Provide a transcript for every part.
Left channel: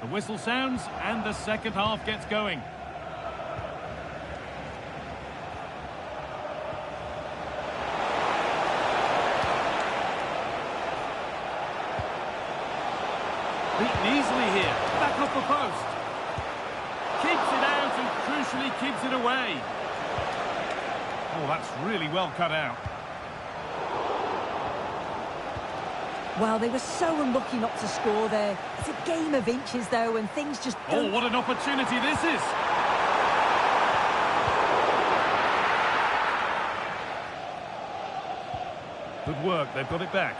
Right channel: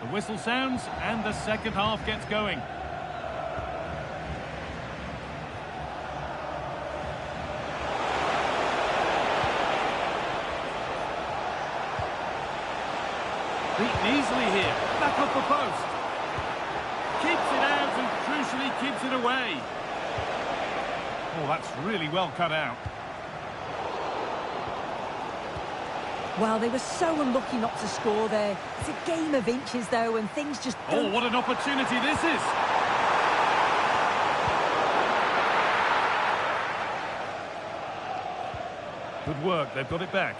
The whistle sounds and the second half gets going. Beaten easily here. Back off the post. Keeps it out and crucially keeps it away. Oh, that's really well cut out. Well, they were so unlucky not to score there. It's a game of inches, though, and things just don't... Oh, what an opportunity this is! Good work, they've got it back.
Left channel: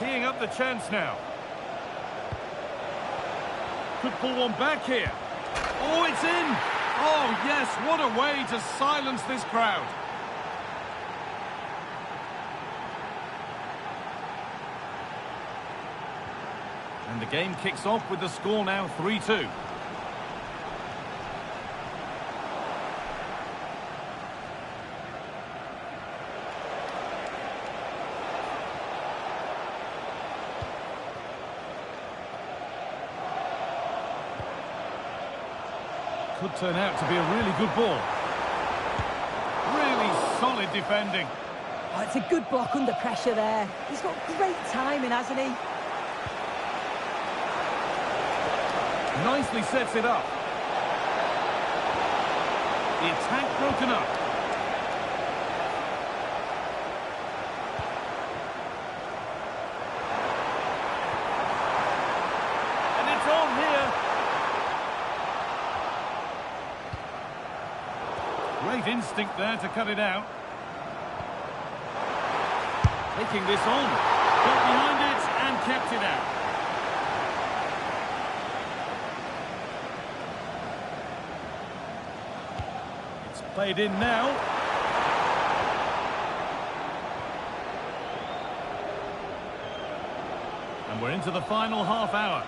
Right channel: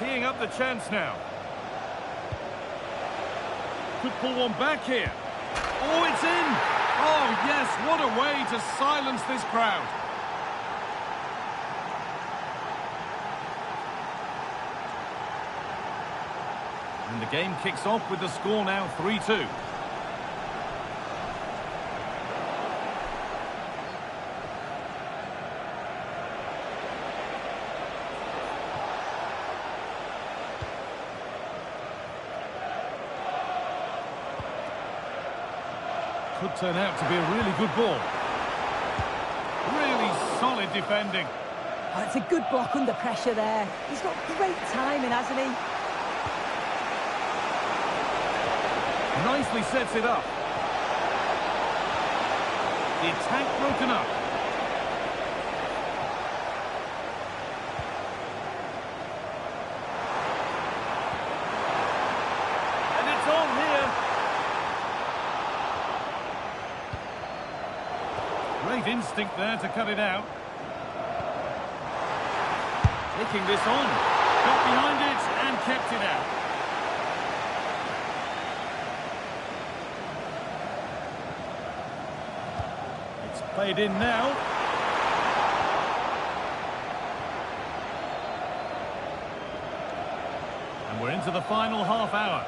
Teeing up the chance now. Could pull one back here. Oh, it's in! Oh, yes, what a way to silence this crowd. And the game kicks off with the score now 3-2. Could turn out to be a really good ball. Really solid defending. Oh, it's a good block under pressure there. He's got great timing, hasn't he? Nicely sets it up. The attack broken up. And it's on here. Great instinct there to cut it out. Taking this on. Got behind it and kept it out. It's played in now. And we're into the final half hour.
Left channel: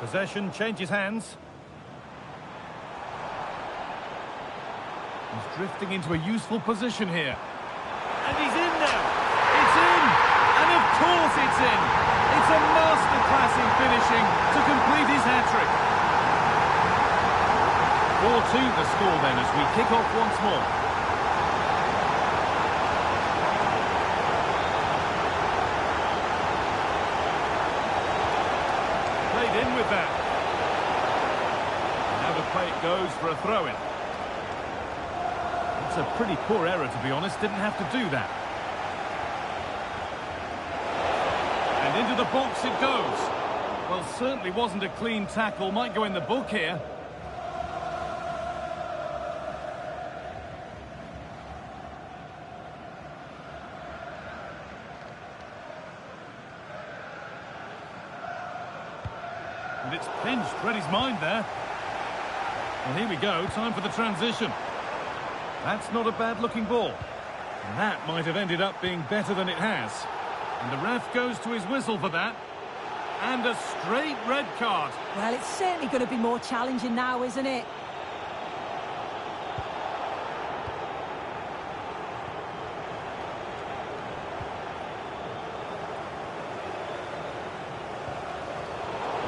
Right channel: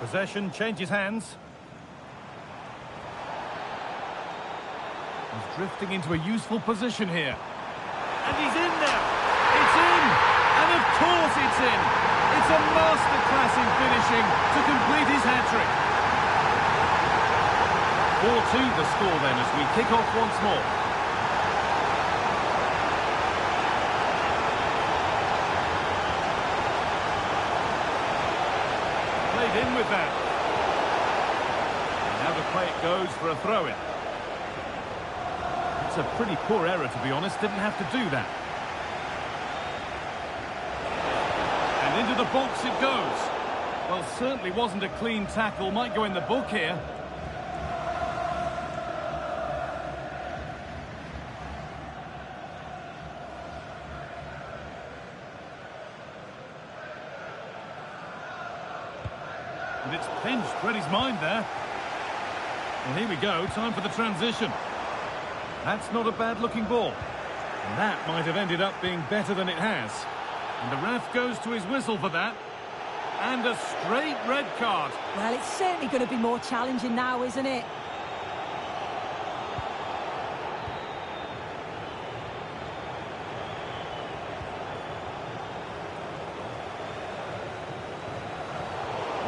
Possession changes hands. He's drifting into a useful position here. And he's in now. It's in. And of course it's in. It's a masterclass in finishing to complete his hat-trick. 4-2 the score then as we kick off once more. Played in with that. Now the play it goes for a throw-in. It's a pretty poor error, to be honest. Didn't have to do that. And into the box it goes. Well, certainly wasn't a clean tackle. Might go in the book here. And it's pinched, read his mind there. Well, here we go, time for the transition. That's not a bad-looking ball. And that might have ended up being better than it has. And the ref goes to his whistle for that. And a straight red card. Well, it's certainly going to be more challenging now, isn't it?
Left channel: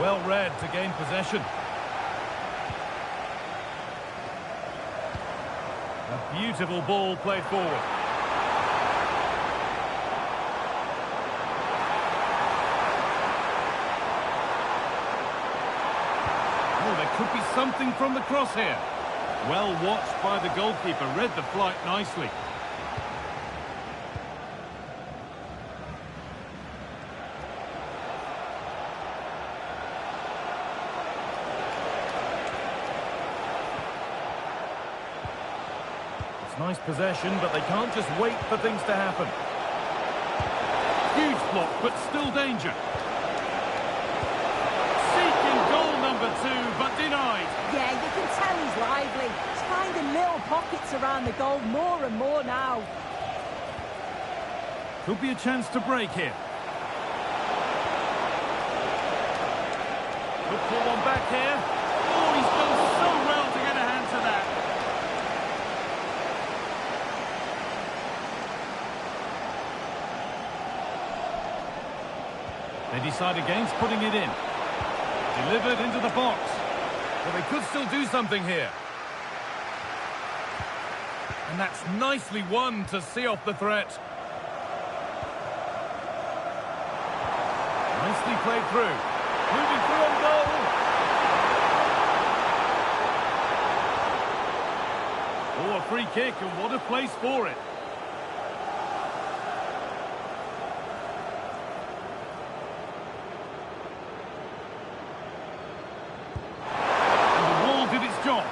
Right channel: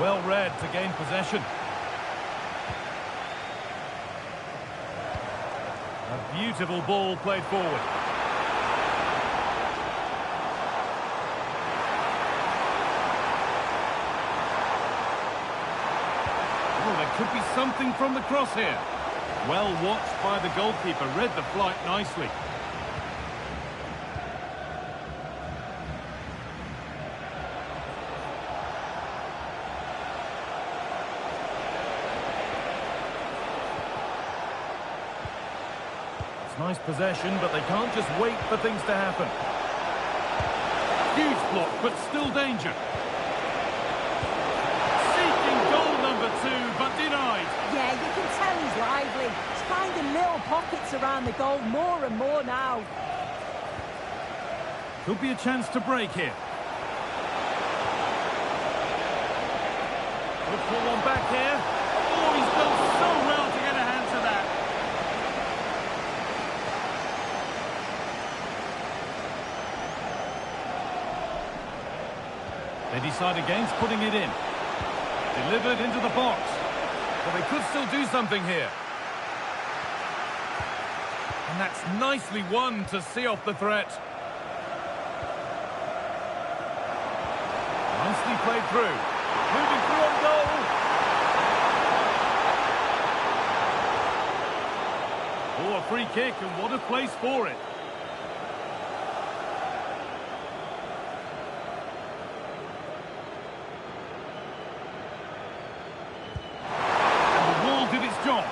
Well read to gain possession. A beautiful ball played forward. Oh, there could be something from the cross here. Well watched by the goalkeeper, read the flight nicely. Nice possession, but they can't just wait for things to happen. Huge block, but still danger. Seeking goal number 2, but denied. Yeah, you can tell he's lively. He's finding little pockets around the goal more and more now. Could be a chance to break here. Could pull one back here. Oh, he's done so well to get a hand to that. They decide against putting it in. Delivered into the box. Well, they could still do something here. And that's nicely won to see off the threat. Nicely played through. Moving through on goal. Oh, a free kick, and what a place for it. Did its job.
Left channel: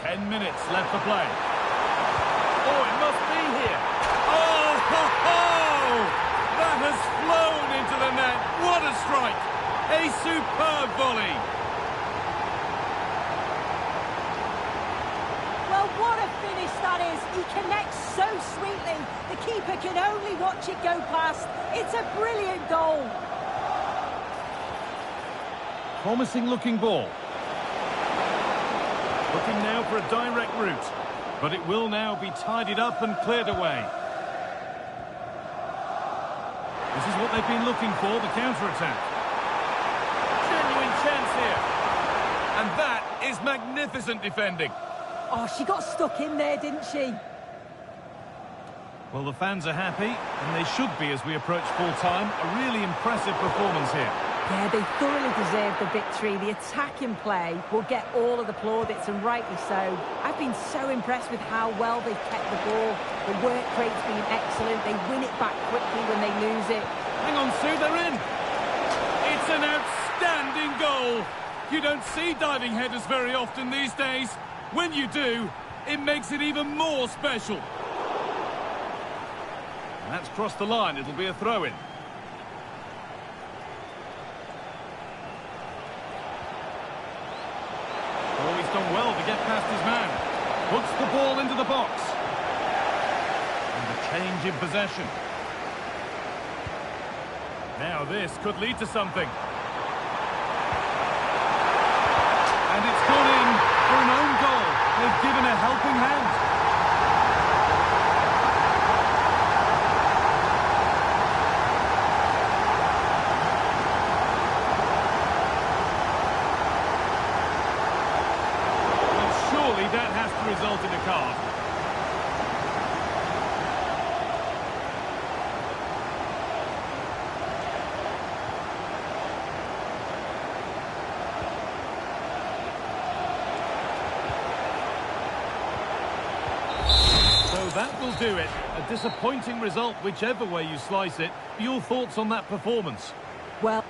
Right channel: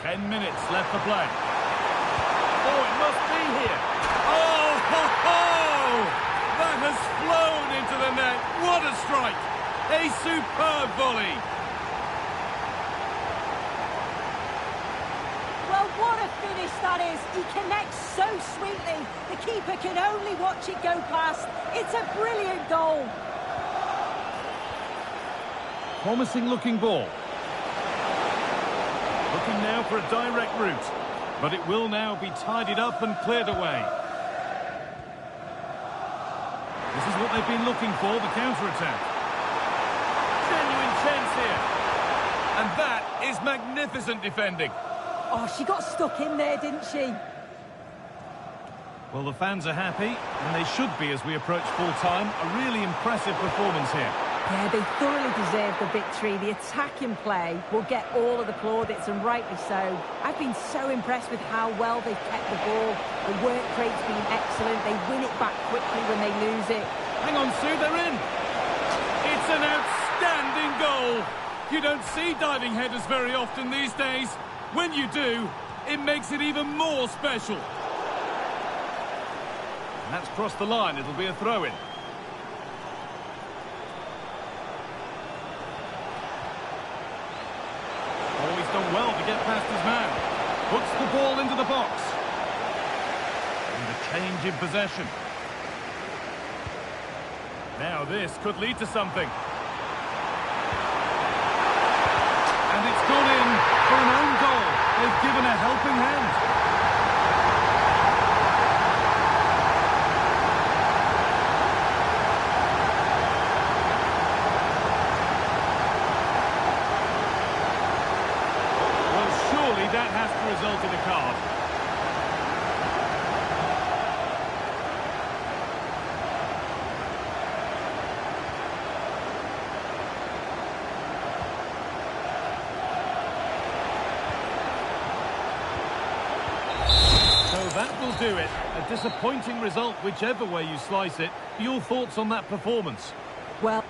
Ten minutes left to play. Oh, it must be here. Oh, ho, ho! That has flown into the net. What a strike! A superb volley. Well, what a finish that is. He connects so sweetly. The keeper can only watch it go past. It's a brilliant goal. Promising looking ball. Looking now for a direct route. But it will now be tidied up and cleared away. This is what they've been looking for, the counter-attack. Genuine chance here. And that is magnificent defending. Oh, she got stuck in there, didn't she? Well, the fans are happy, and they should be as we approach full-time. A really impressive performance here. Yeah, they thoroughly deserved the victory. The attacking play will get all of the plaudits, and rightly so. I've been so impressed with how well they've kept the ball. The work rate's been excellent. They win it back quickly when they lose it. Hang on, Sue, they're in. It's an outstanding goal. You don't see diving headers very often these days. When you do, it makes it even more special. And that's crossed the line. It'll be a throw-in. Oh, he's done well to get past his man. Puts the ball into the box. And a change in possession. Now this could lead to something. And it's gone in for an own goal. They've given a helping hand. Well, surely that has to result in a card. So that will do it. A disappointing result, whichever way you slice it. Your thoughts on that performance? Well...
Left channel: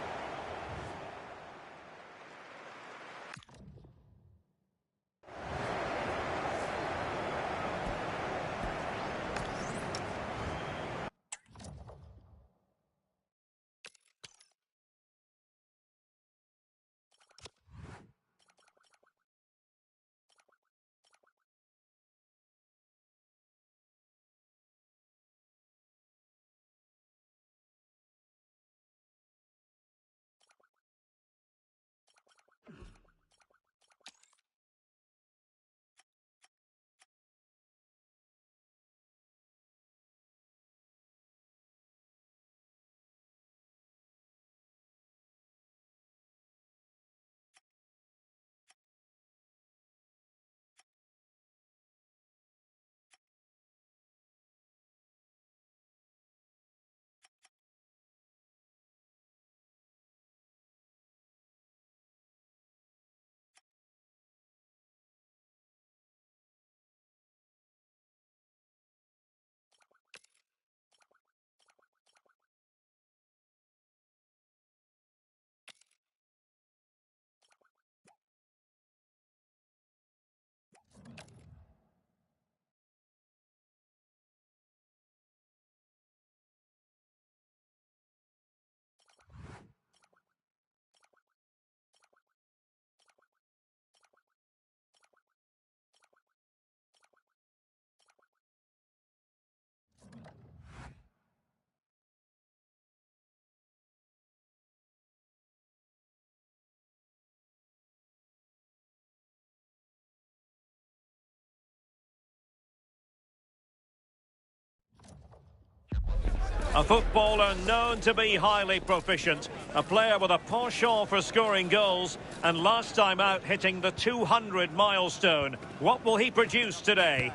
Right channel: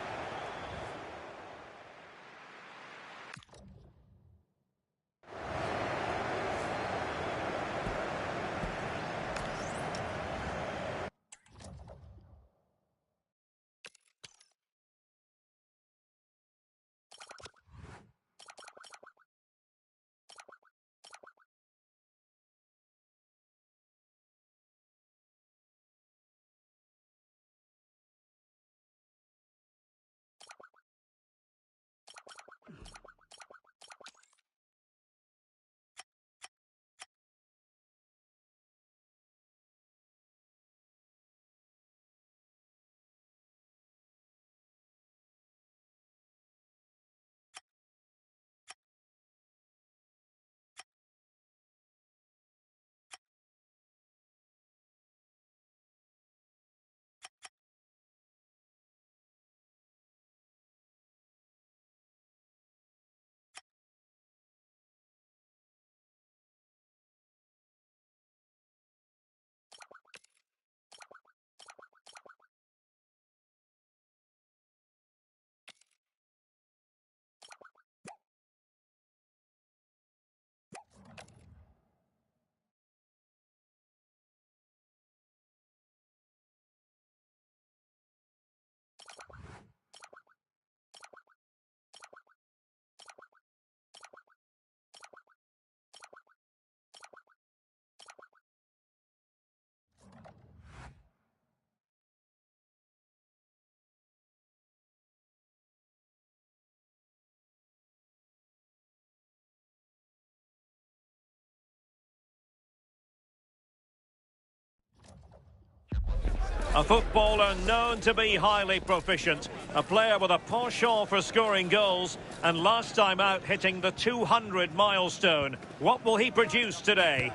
A footballer known to be highly proficient. A player with a penchant for scoring goals. And last time out hitting the 200 milestone. What will he produce today?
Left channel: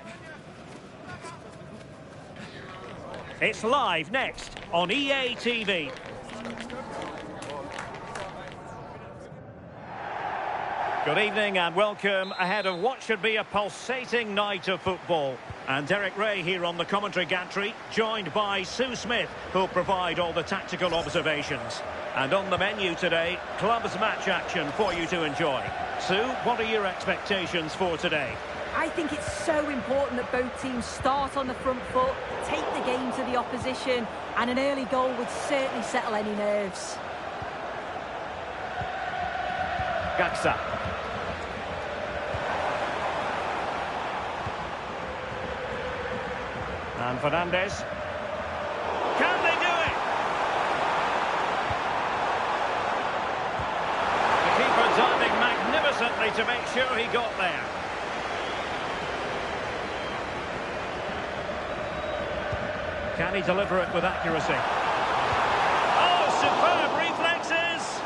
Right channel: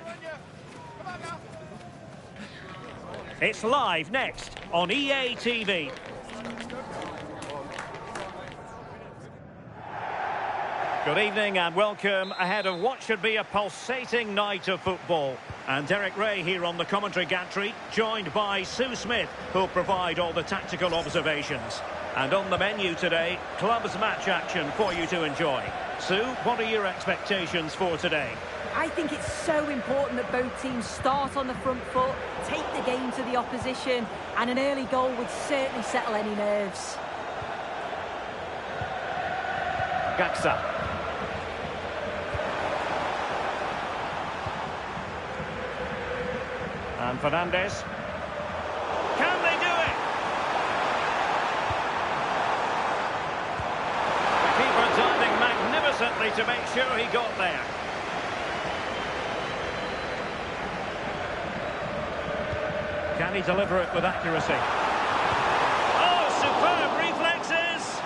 It's live next on EA TV. Good evening and welcome ahead of what should be a pulsating night of football. And Derek Ray here on the commentary gantry, joined by Sue Smith, who'll provide all the tactical observations. And on the menu today, clubs match action for you to enjoy. Sue, what are your expectations for today? I think it's so important that both teams start on the front foot, take the game to the opposition, and an early goal would certainly settle any nerves. Gaxa. And Fernandez. Can they do it? The keeper diving magnificently to make sure he got there. Can he deliver it with accuracy? Oh, superb reflexes!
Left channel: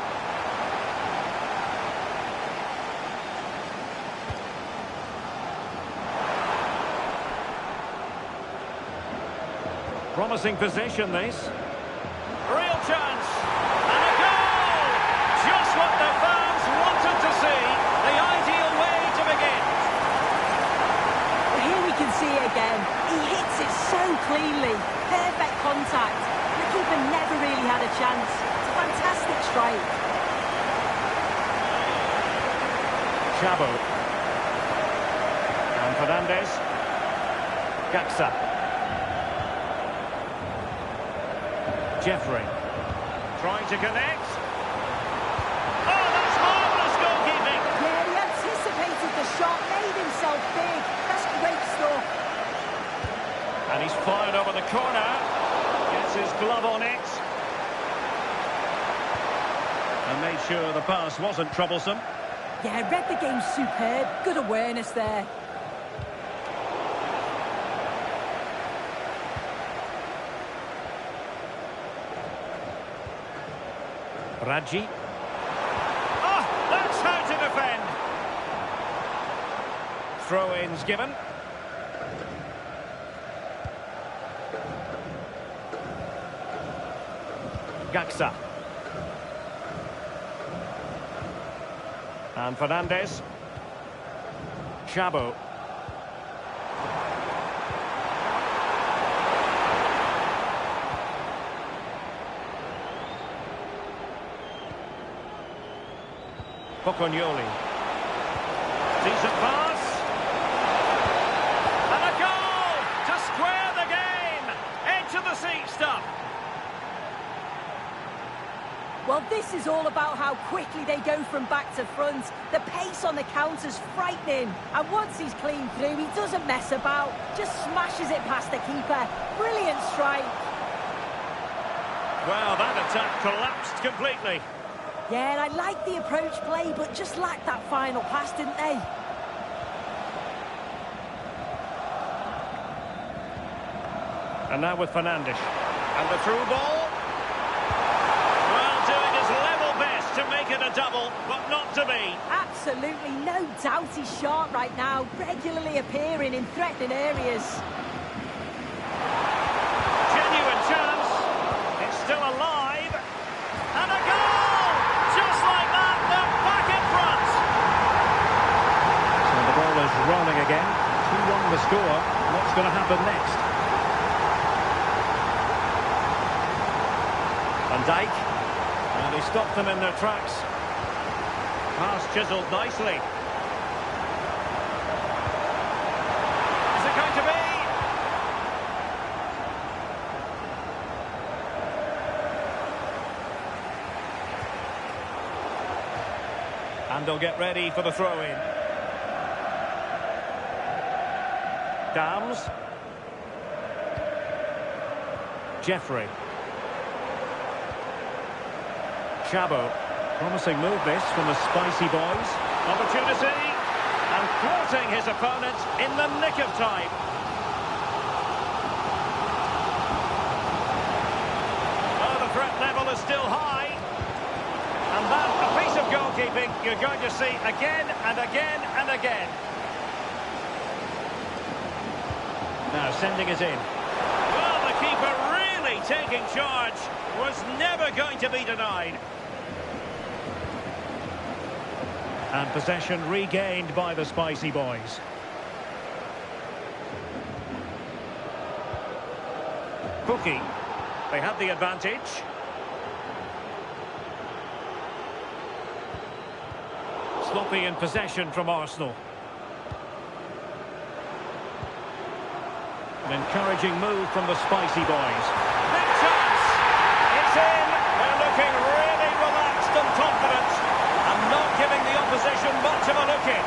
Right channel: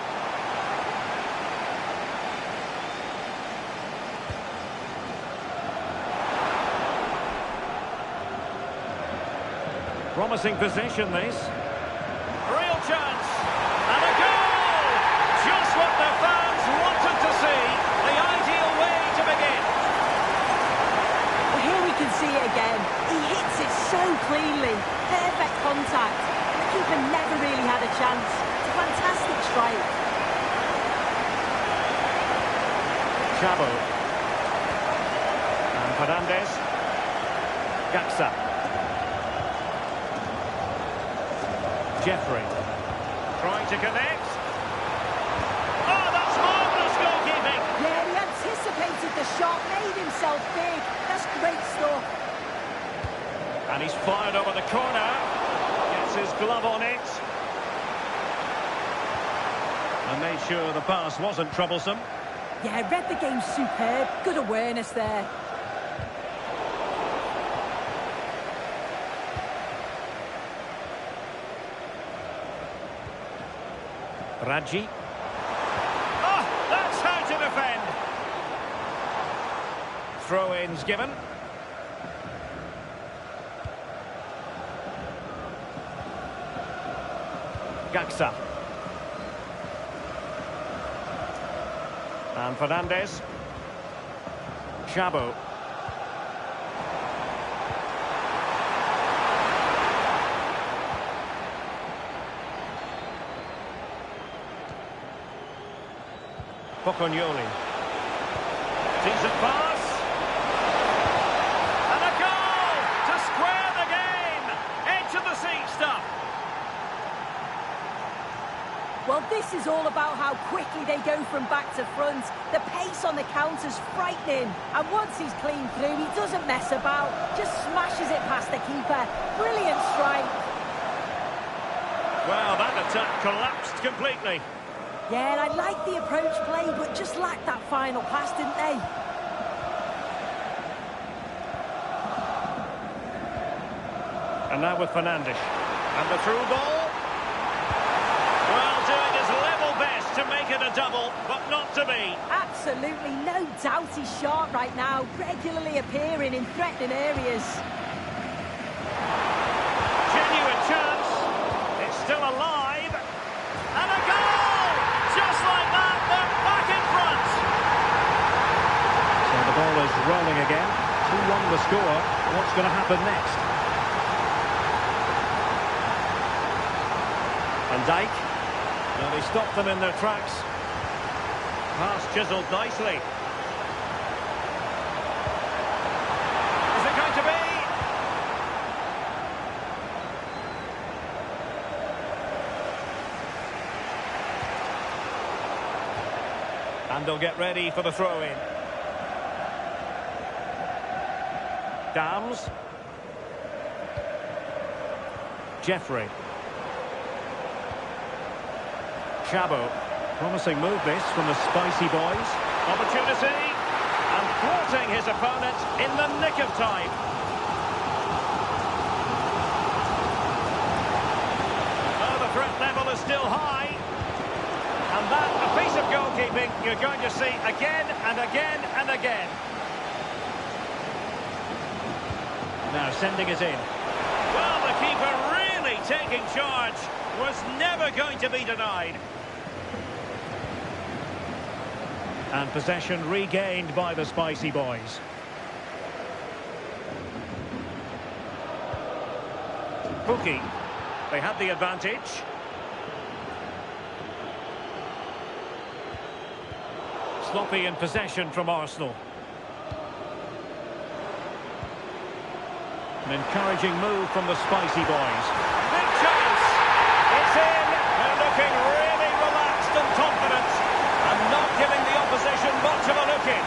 Promising position, this. Real chance. And a goal! Just what the fans wanted to see. The ideal way to begin. Well, here we can see it again. He hits it so cleanly. Perfect contact. And the keeper never really had a chance. It's a fantastic strike. Chabo. And Fernandez. Gaxa. Jeffrey. Trying to connect. Oh, that's marvellous goalkeeping. Yeah, he anticipated the shot, made himself big. That's great stuff. And he's fired over the corner. Gets his glove on it. And made sure the pass wasn't troublesome. Yeah, read the game superb. Good awareness there. Raji. Oh, that's how to defend. Throw-ins given. Gaxa. And Fernandez. Chabo. Pocognoli. Decent pass. And a goal to square the game. Edge of the seat stuff. Well, this is all about how quickly they go from back to front. The pace on the counter's frightening. And once he's clean through, he doesn't mess about. Just smashes it past the keeper. Brilliant strike. Well, that attack collapsed completely. Yeah, and I like the approach play, but just lacked that final pass, didn't they? And now with Fernandes. And the through ball. Well, doing his level best to make it a double, but not to be. Absolutely no doubt he's sharp right now, regularly appearing in threatening areas. Genuine chance. It's still alive. And a goal! Just like that, they're back in front. So the ball is rolling again. 2-1 the score. What's going to happen next? Van Dijk. Well, he stopped them in their tracks. Pass chiselled nicely. Is it going to be? And they'll get ready for the throw-in. Dams. Jeffrey. Chabo. Promising move this from the spicy boys. Opportunity. And thwarting his opponent in the nick of time. threat level is still high. And that, a piece of goalkeeping you're going to see again and again and again. Now sending it in. Well, the keeper really taking charge. Was never going to be denied. And possession regained by the Spicy Boys. Pukki. They had the advantage. Sloppy in possession from Arsenal. An encouraging move from the Spicy Boys. Big chance! It's in! They're looking really relaxed and confident and not giving the opposition much of a look in.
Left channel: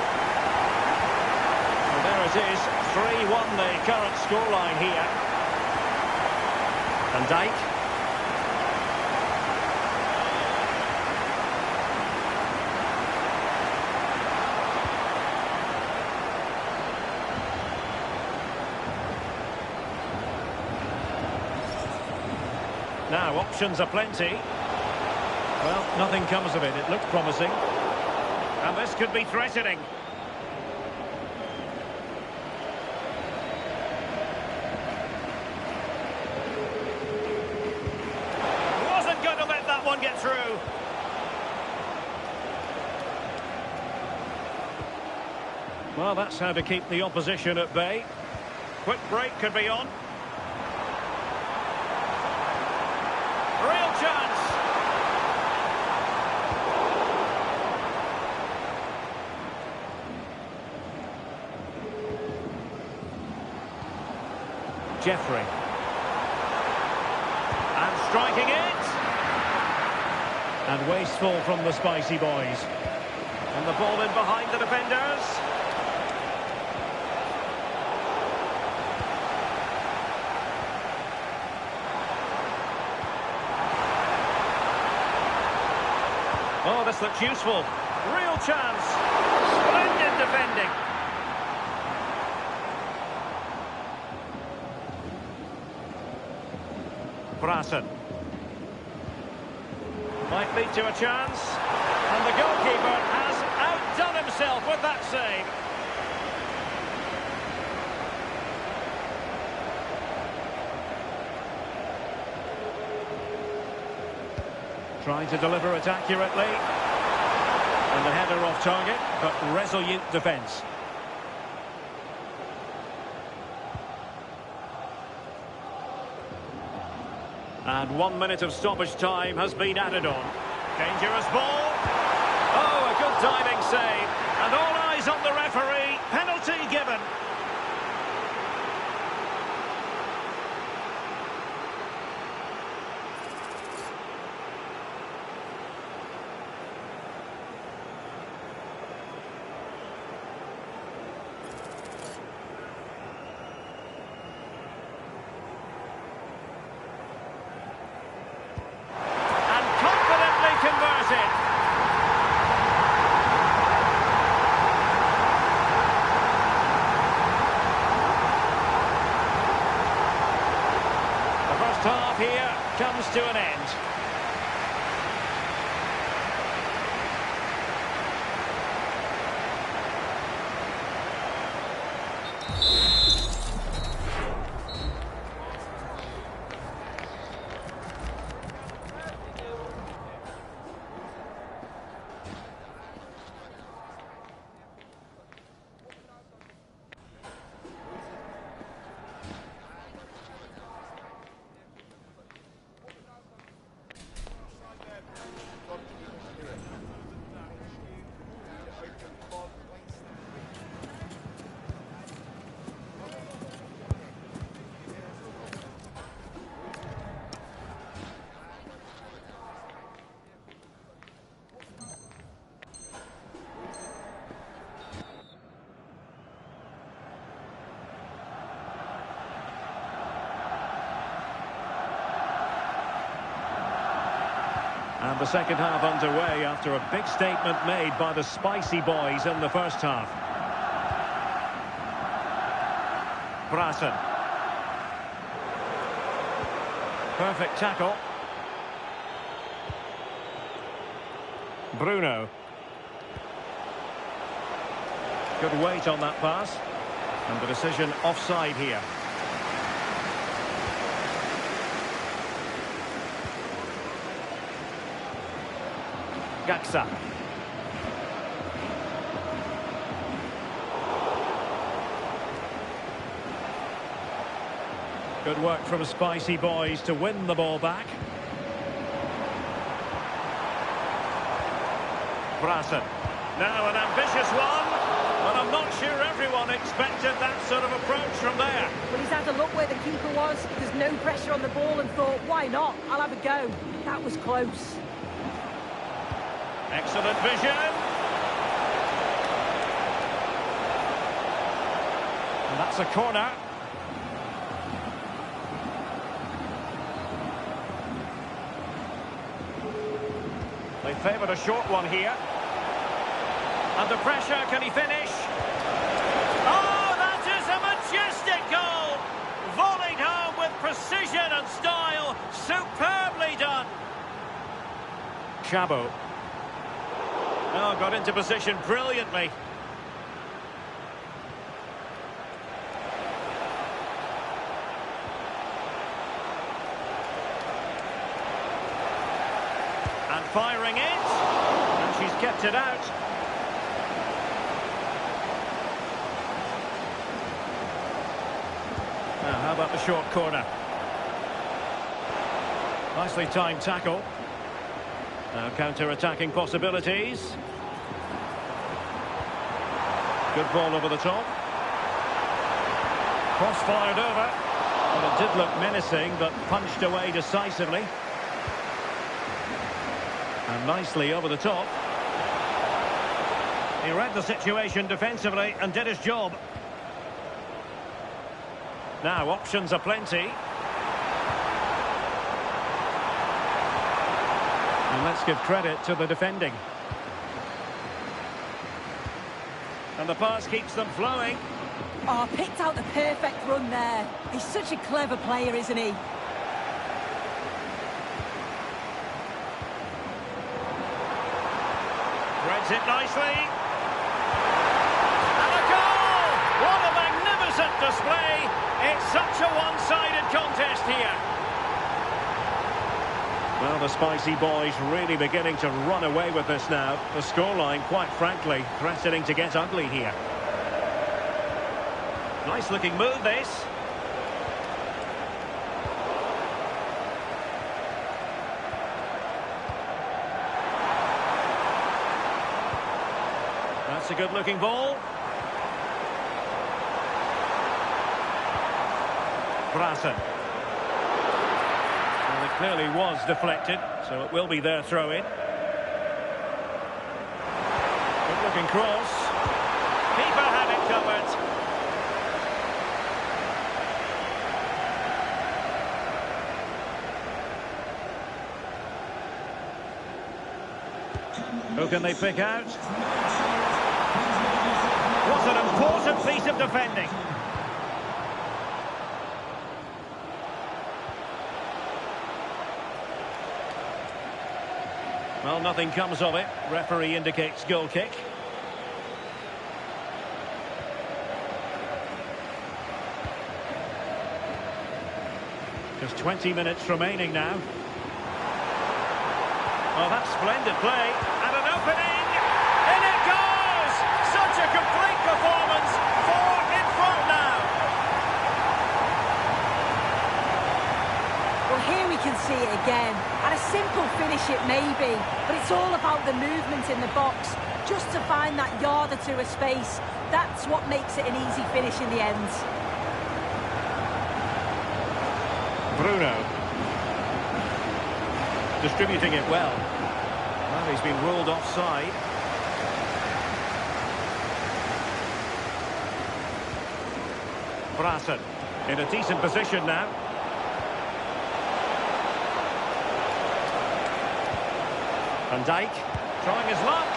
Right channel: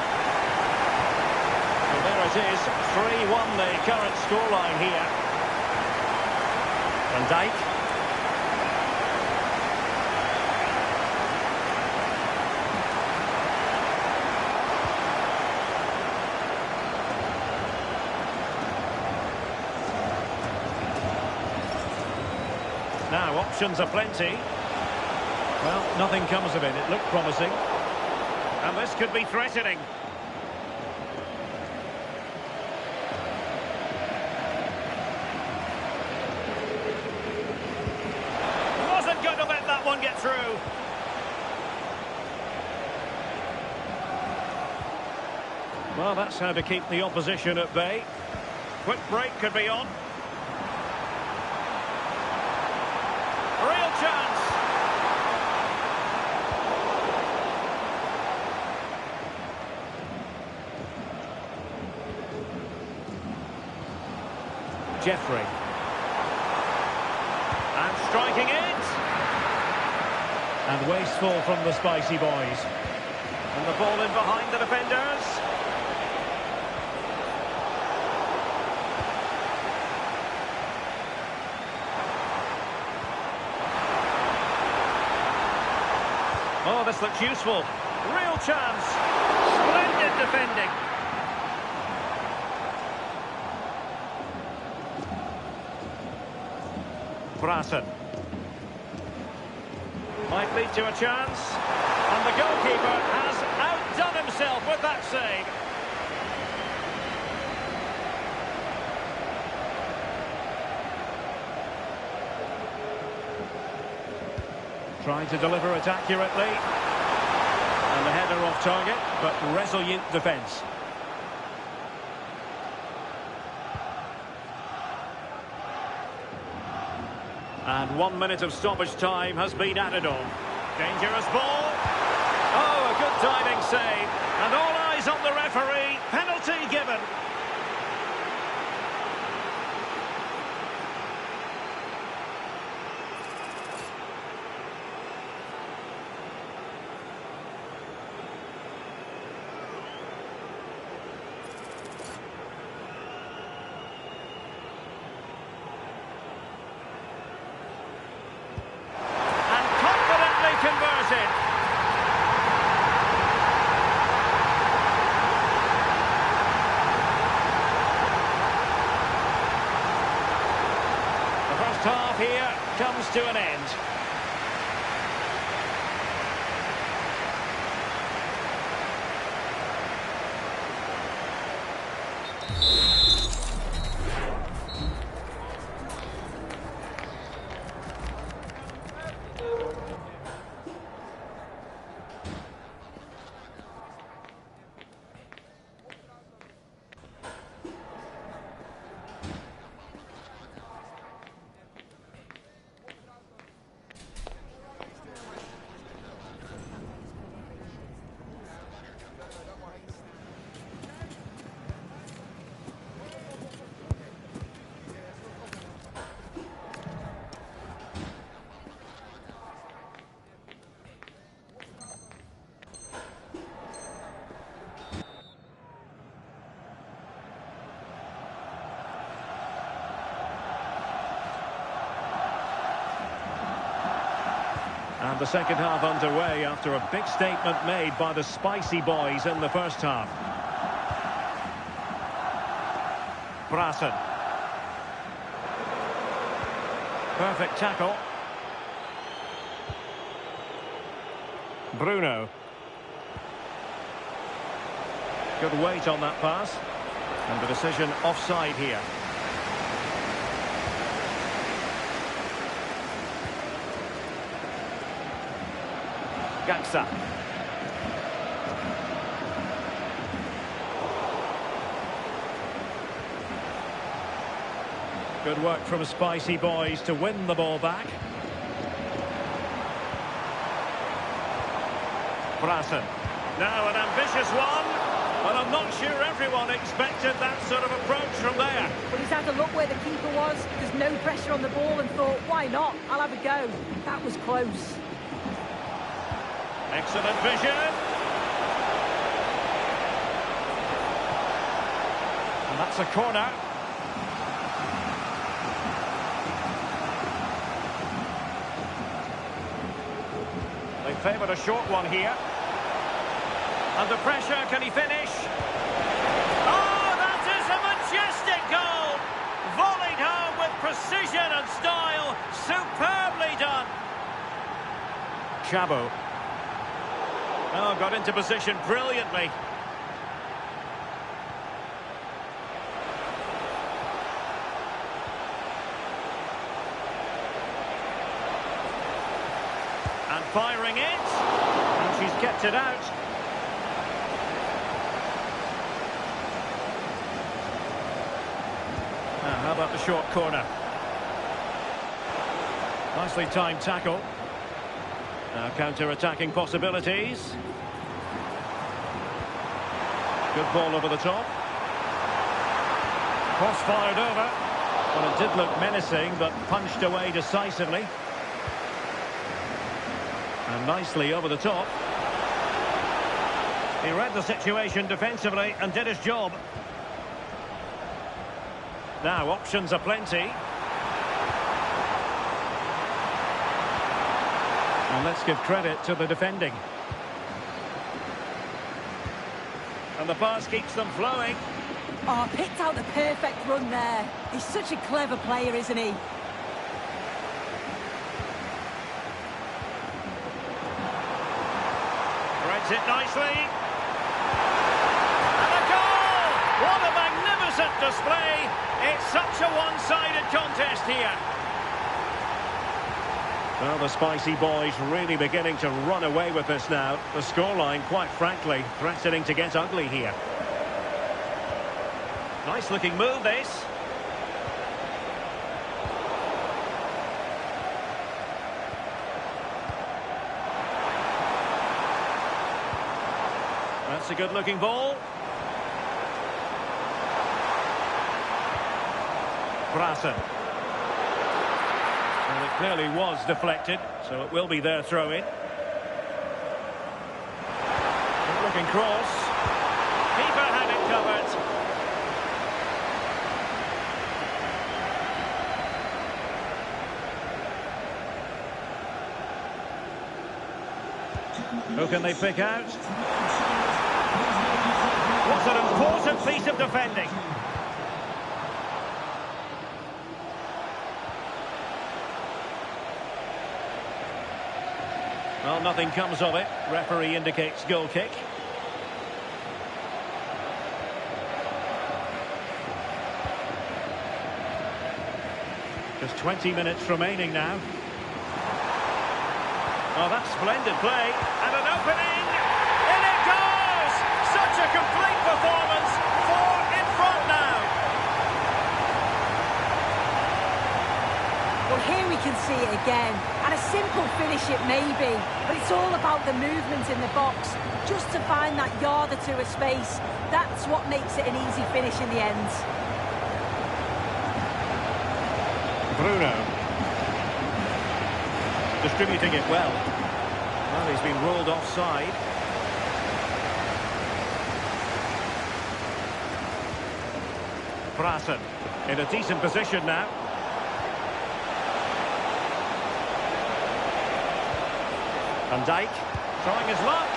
Well, there it is. 3-1 the current scoreline here. Van Dijk. Now, options are plenty. Well, nothing comes of it. It looked promising. And this could be threatening. Wasn't going to let that one get through. Well, that's how to keep the opposition at bay. Quick break could be on. Real chance. Jeffrey. And striking it. And wasteful from the Spicy Boys. And the ball in behind the defenders. Oh, this looks useful. Real chance. Splendid defending. Prasen. Might lead to a chance. And the goalkeeper has outdone himself with that save. Trying to deliver it accurately. And the header off target, but resolute defence. And 1 minute of stoppage time has been added on. Dangerous ball. Oh, a good diving save. And all eyes on the referee. Penalty given. Converted. The first half here comes to an end. And the second half underway after a big statement made by the Spicy Boys in the first half. Prasen. Perfect tackle. Bruno. Good weight on that pass. And the decision offside here. Gaxa. Good work from Spicy Boys to win the ball back. Brassen. Now an ambitious one, but I'm not sure everyone expected that sort of approach from there. Well, he's had a look where the keeper was. There's no pressure on the ball and thought, why not? I'll have a go. That was close. Excellent vision. And that's a corner. They favoured a short one here. Under pressure, can he finish? Oh, that is a majestic goal! Volleyed home with precision and style. Superbly done. Chabo. Oh, got into position brilliantly. And firing it. And she's kept it out. Now, how about the short corner? Nicely timed tackle. Now counter-attacking possibilities. Good ball over the top. Cross fired over. Well, it did look menacing, but punched away decisively. And nicely over the top. He read the situation defensively and did his job. Now, options are plenty. And let's give credit to the defending. And the pass keeps them flowing. Oh, picked out the perfect run there. He's such a clever player, isn't he? Threads it nicely. And a goal! What a magnificent display. It's such a one-sided contest here. Well, the Spicy Boys really beginning to run away with this now. The scoreline, quite frankly, threatening to get ugly here. Nice looking move, this. That's a good looking ball. Brassen. Well, it clearly was deflected, so it will be their throw-in. Good-looking cross. Keeper had it covered. Who can they pick out? What an important piece of defending. Well, nothing comes of it. Referee indicates goal kick. Just 20 minutes remaining now. Oh, that's splendid play. And an opening. In it goes! Such a complete performance. 4 in front now. Well, here we can see it again. And a simple finish it may be, but it's all about the movement in the box. Just to find that yard or two of space, that's what makes it an easy finish in the end. Bruno. Distributing it well. Well, he's been ruled offside. Brassen in a decent position now. Van Dijk trying his luck.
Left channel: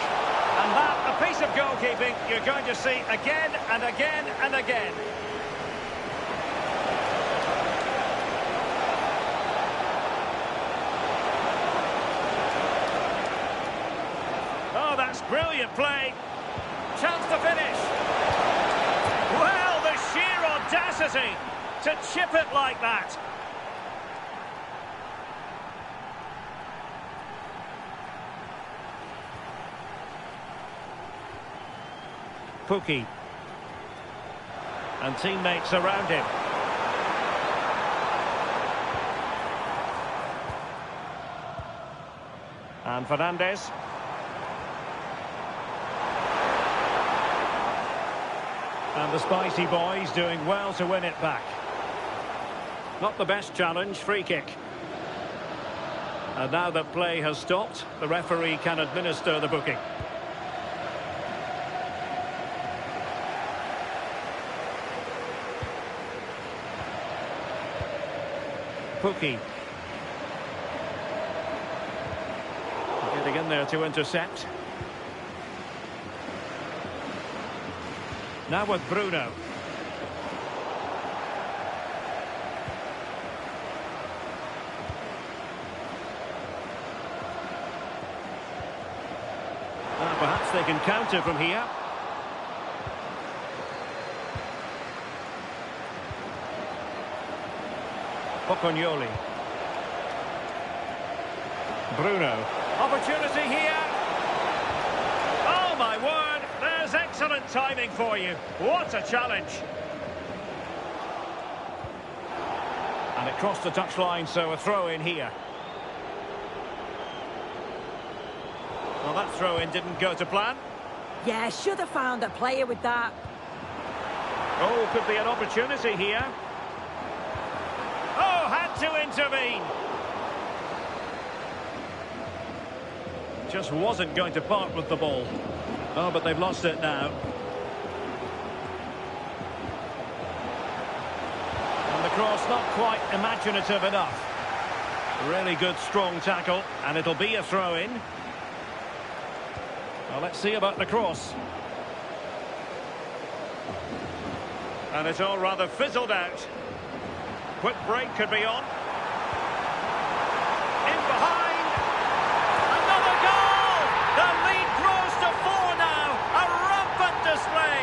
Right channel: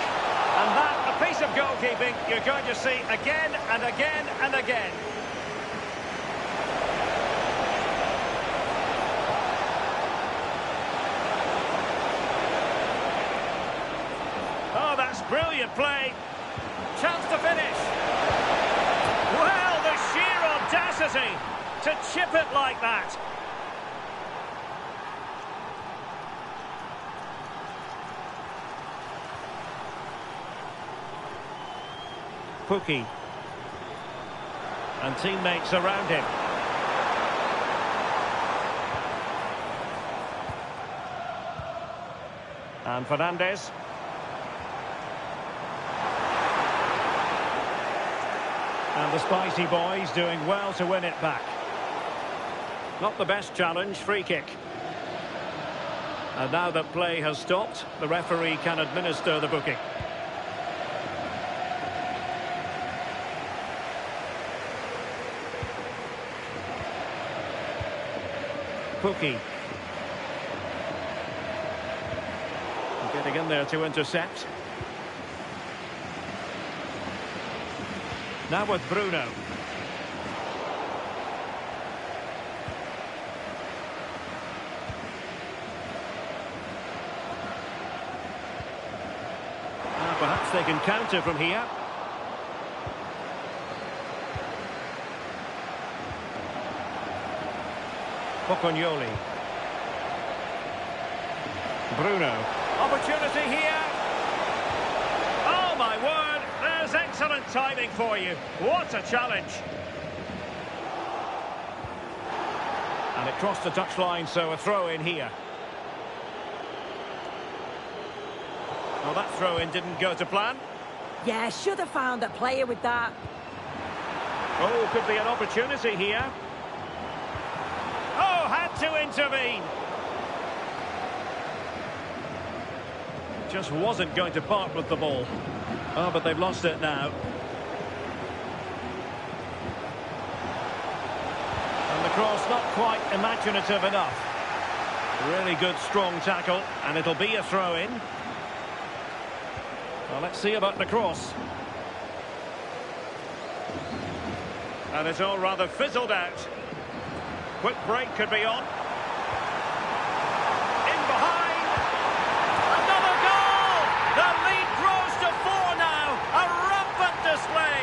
And that, a piece of goalkeeping you're going to see again and again and again. Oh, that's brilliant play. Chance to finish. Well, the sheer audacity to chip it like that. Pukki. And teammates around him. And Fernandes. And the Spicy boys doing well to win it back. Not the best challenge, free kick. And now that play has stopped, the referee can administer the booking. Pukki. Getting in there to intercept. Now with Bruno. Perhaps they can counter from here. Pocognoli. Bruno. Opportunity here. Oh, my word. There's excellent timing for you. What a challenge. And it crossed the touchline, so a throw in here. Well, that throw-in didn't go to plan. Yeah, should have found a player with that. Oh, could be an opportunity here. Oh, had to intervene. Just wasn't going to part with the ball. Oh, but they've lost it now. And the cross not quite imaginative enough. Really good, strong tackle, and it'll be a throw-in. Well, let's see about the cross. And it's all rather fizzled out. Quick break could be on. In behind. Another goal! The lead grows to 4 now. A rampant display.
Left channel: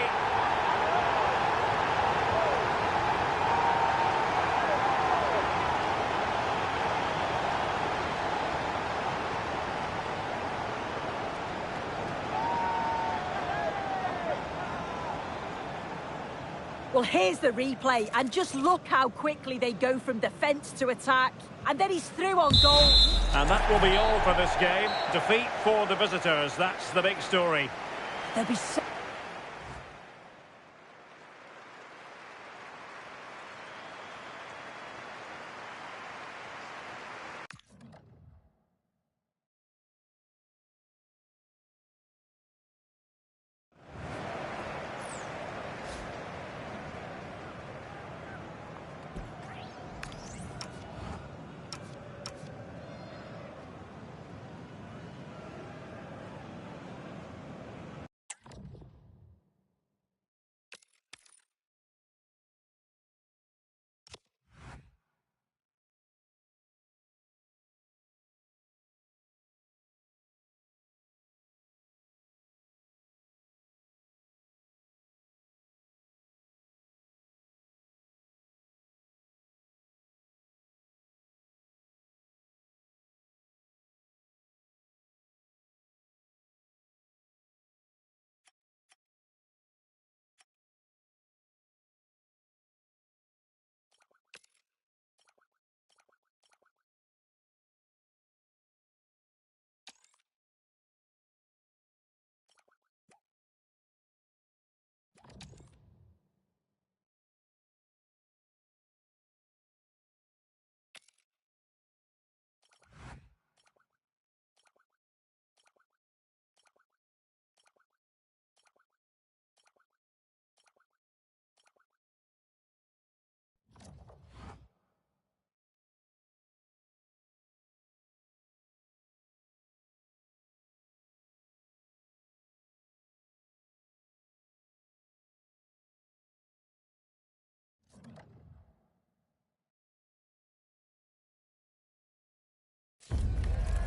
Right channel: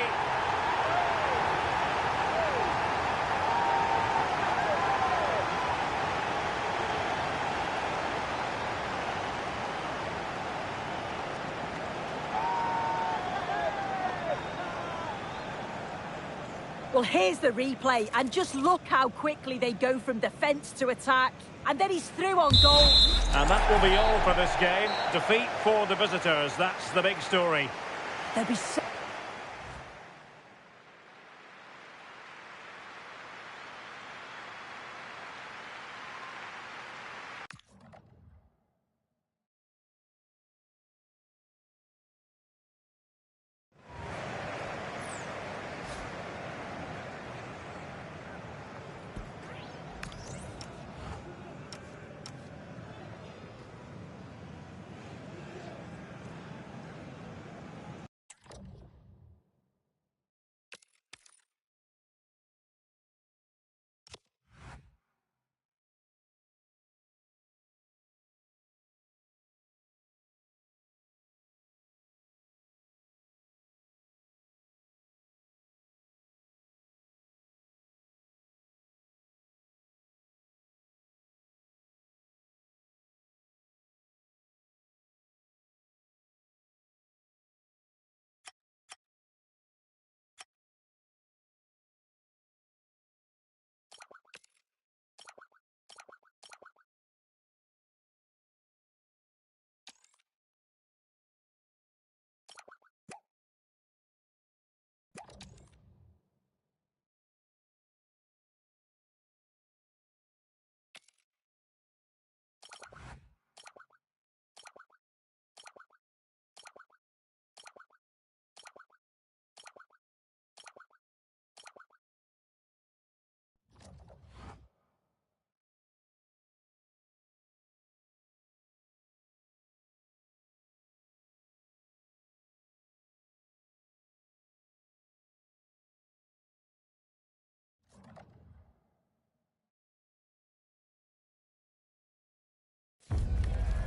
Well, here's the replay, and just look how quickly they go from defence to attack. And then he's through on goal. And that will be all for this game. Defeat for the visitors. That's the big story. There'll be so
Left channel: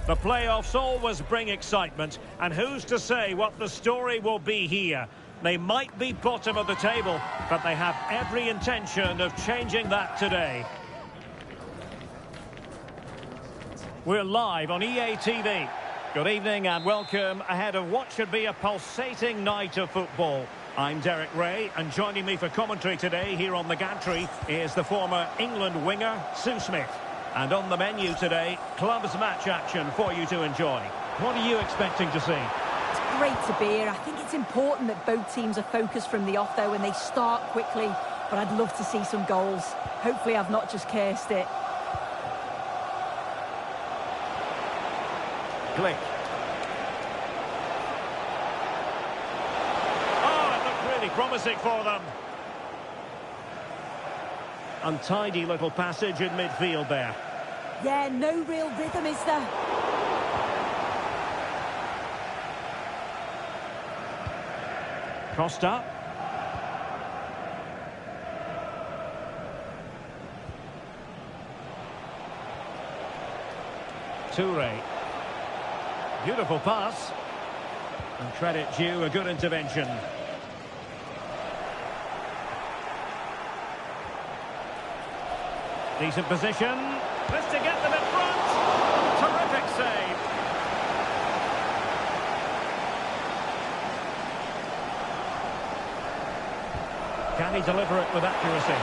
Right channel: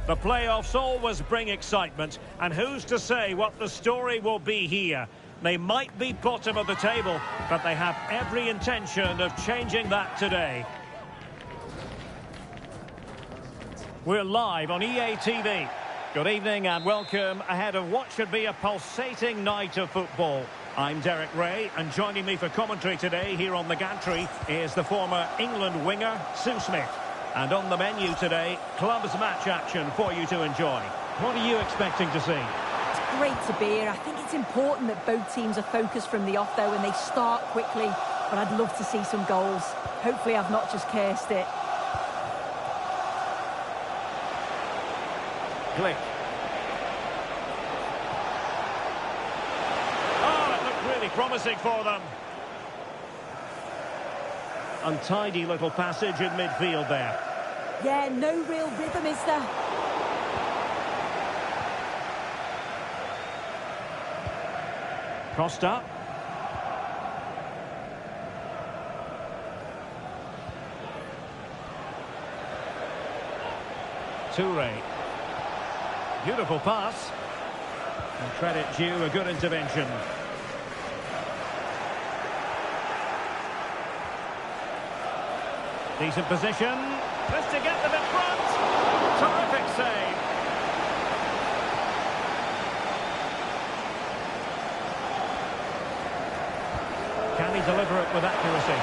The playoffs always bring excitement, and who's to say what the story will be here? They might be bottom of the table, but they have every intention of changing that today. We're live on EA TV. Good evening and welcome ahead of what should be a pulsating night of football. I'm Derek Ray, and joining me for commentary today here on the gantry is the former England winger, Sue Smith. And on the menu today, clubs match action for you to enjoy. What are you expecting to see? It's great to be here. I think it's important that both teams are focused from the off, though, and they start quickly. But I'd love to see some goals. Hopefully I've not just cursed it. Glick. Oh, it looked really promising for them. Untidy little passage in midfield there. Yeah, no real rhythm, is there? Costa. Toure. Beautiful pass. And credit due, a good intervention. Decent position. This to get them in front. Terrific save. Can he deliver it with accuracy?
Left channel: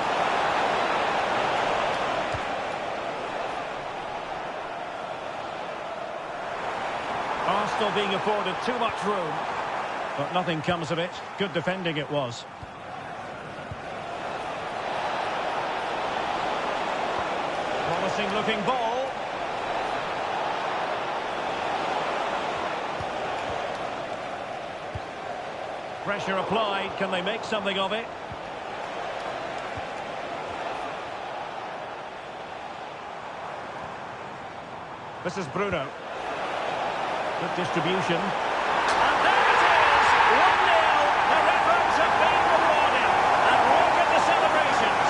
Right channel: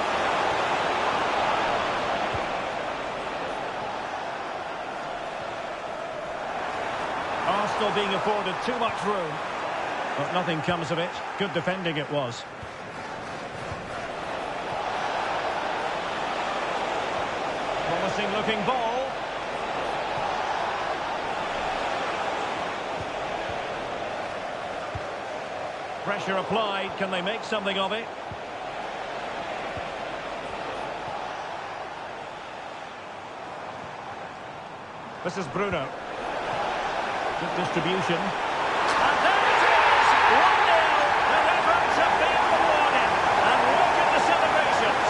Arsenal being afforded too much room. But nothing comes of it. Good defending it was. Promising looking ball. Pressure applied. Can they make something of it? This is Bruno. Good distribution. And there it is! 1-0. Their efforts have been rewarded. And look at the celebrations.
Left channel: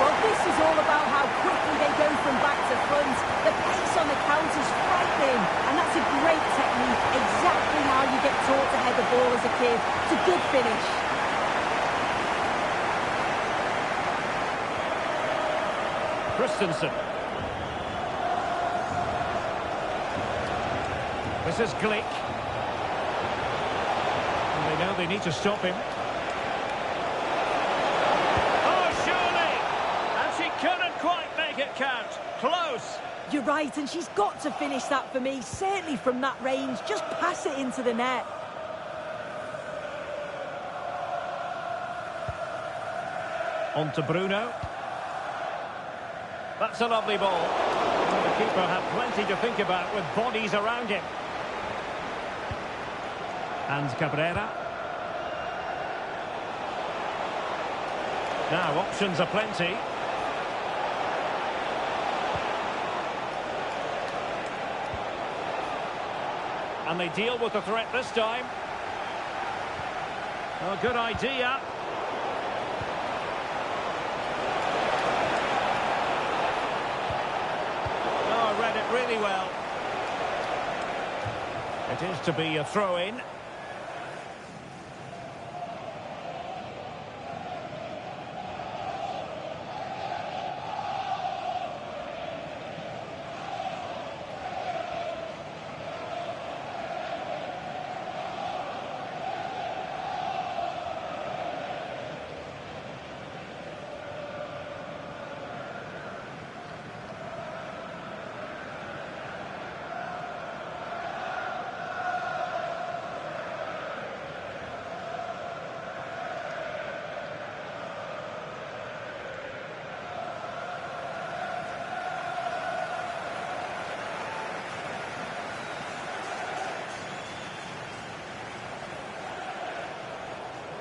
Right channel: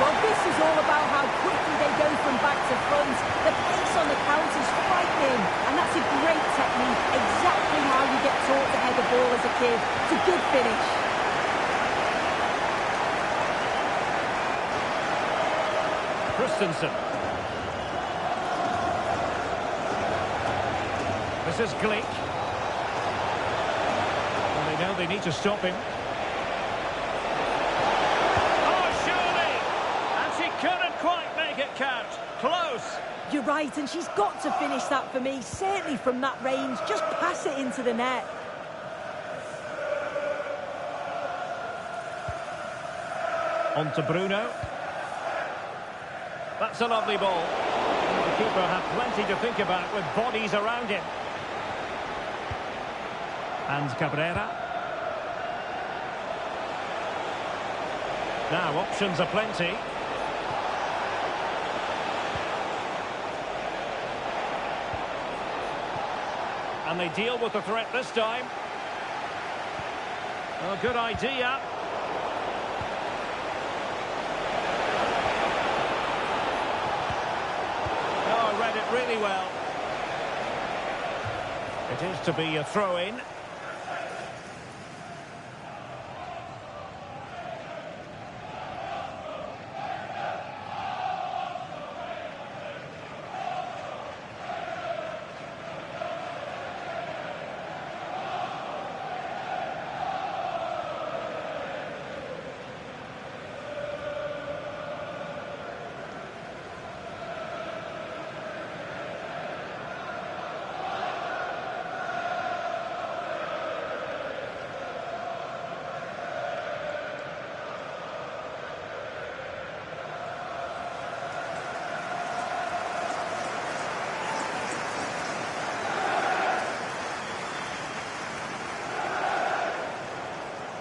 Well, this is all about how quickly they go from back to front. The pace on the counter's frightening, and that's a great technique. Exactly how you get taught to head the ball as a kid. It's a good finish. Christensen. This is Glick. And they know they need to stop him. Couldn't quite make it count. Close. You're right, and she's got to finish that for me. Certainly from that range. Just pass it into the net. On to Bruno. That's a lovely ball. And the keeper had plenty to think about with bodies around him. And Cabrera. Now, options are plenty. And they deal with the threat this time. Oh, good idea. Oh, read it really well. It is to be a throw-in.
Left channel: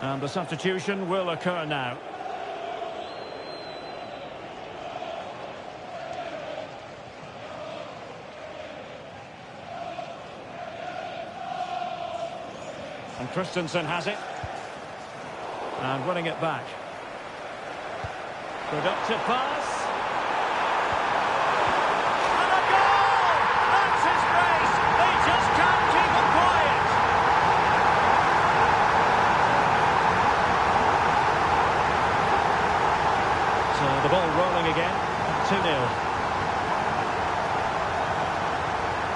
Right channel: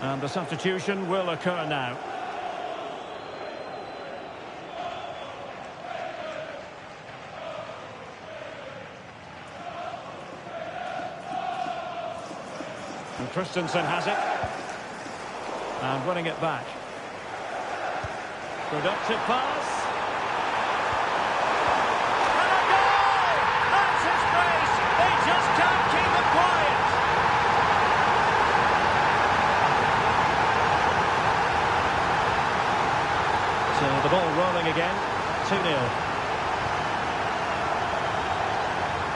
And the substitution will occur now. And Christensen has it. And winning it back. Productive pass. And a goal! So the ball rolling again at 2-0.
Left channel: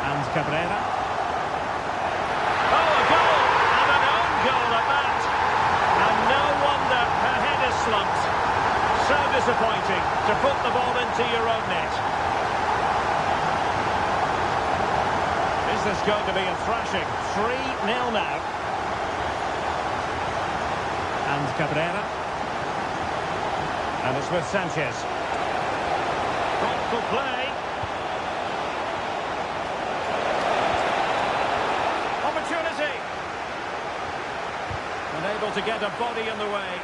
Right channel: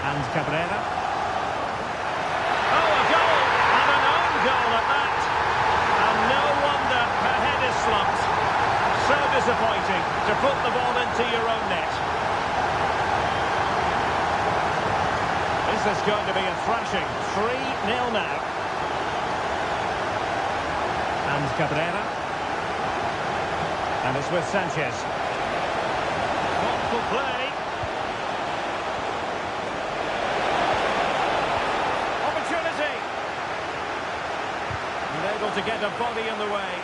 And Cabrera. Oh, a goal! And an own goal at that. And no wonder her head is slumped. So disappointing to put the ball into your own net. Is this going to be a thrashing? 3-0 now. And Cabrera. And it's with Sanchez. Thoughtful play. Opportunity. And able to get a body in the way.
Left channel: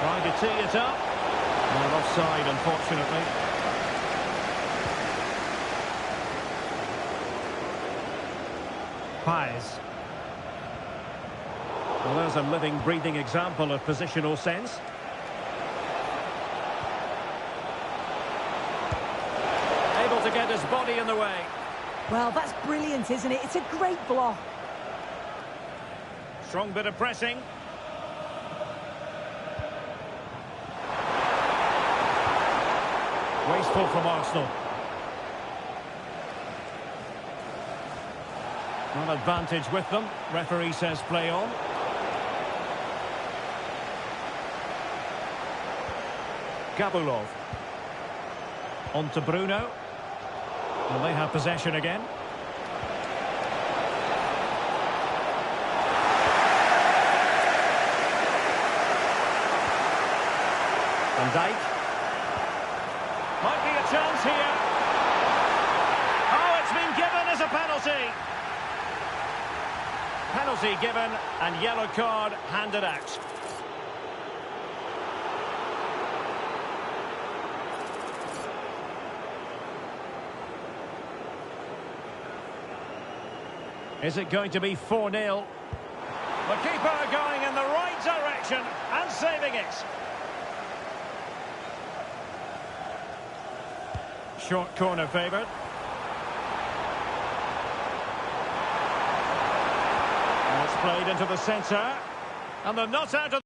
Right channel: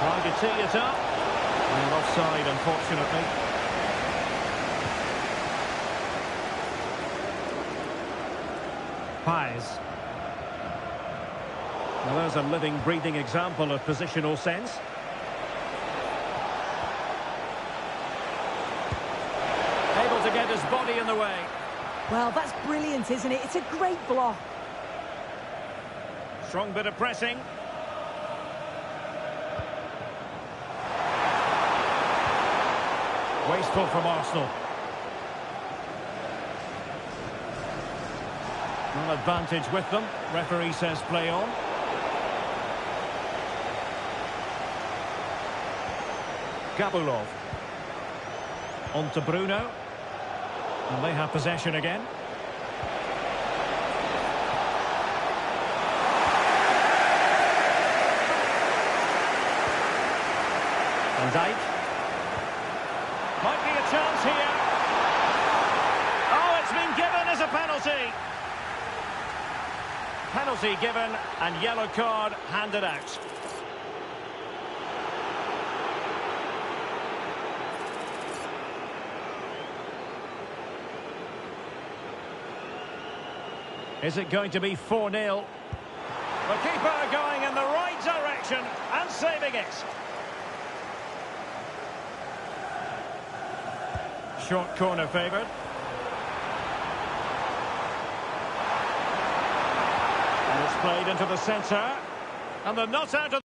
Trying to tee it up. And offside, unfortunately. Pais. Well, there's a living, breathing example of positional sense. Able to get his body in the way. Well, that's brilliant, isn't it? It's a great block. Strong bit of pressing. Wasteful from Arsenal. An advantage with them. Referee says play on. Gabulov. On to Bruno. And they have possession again. Van Dijk. Might be a chance here. Oh, it's been given as a penalty. Penalty given and yellow card handed out. Is it going to be 4-0? The keeper going in the right direction and saving it. Short corner favoured. And it's played into the centre. And they're not out of...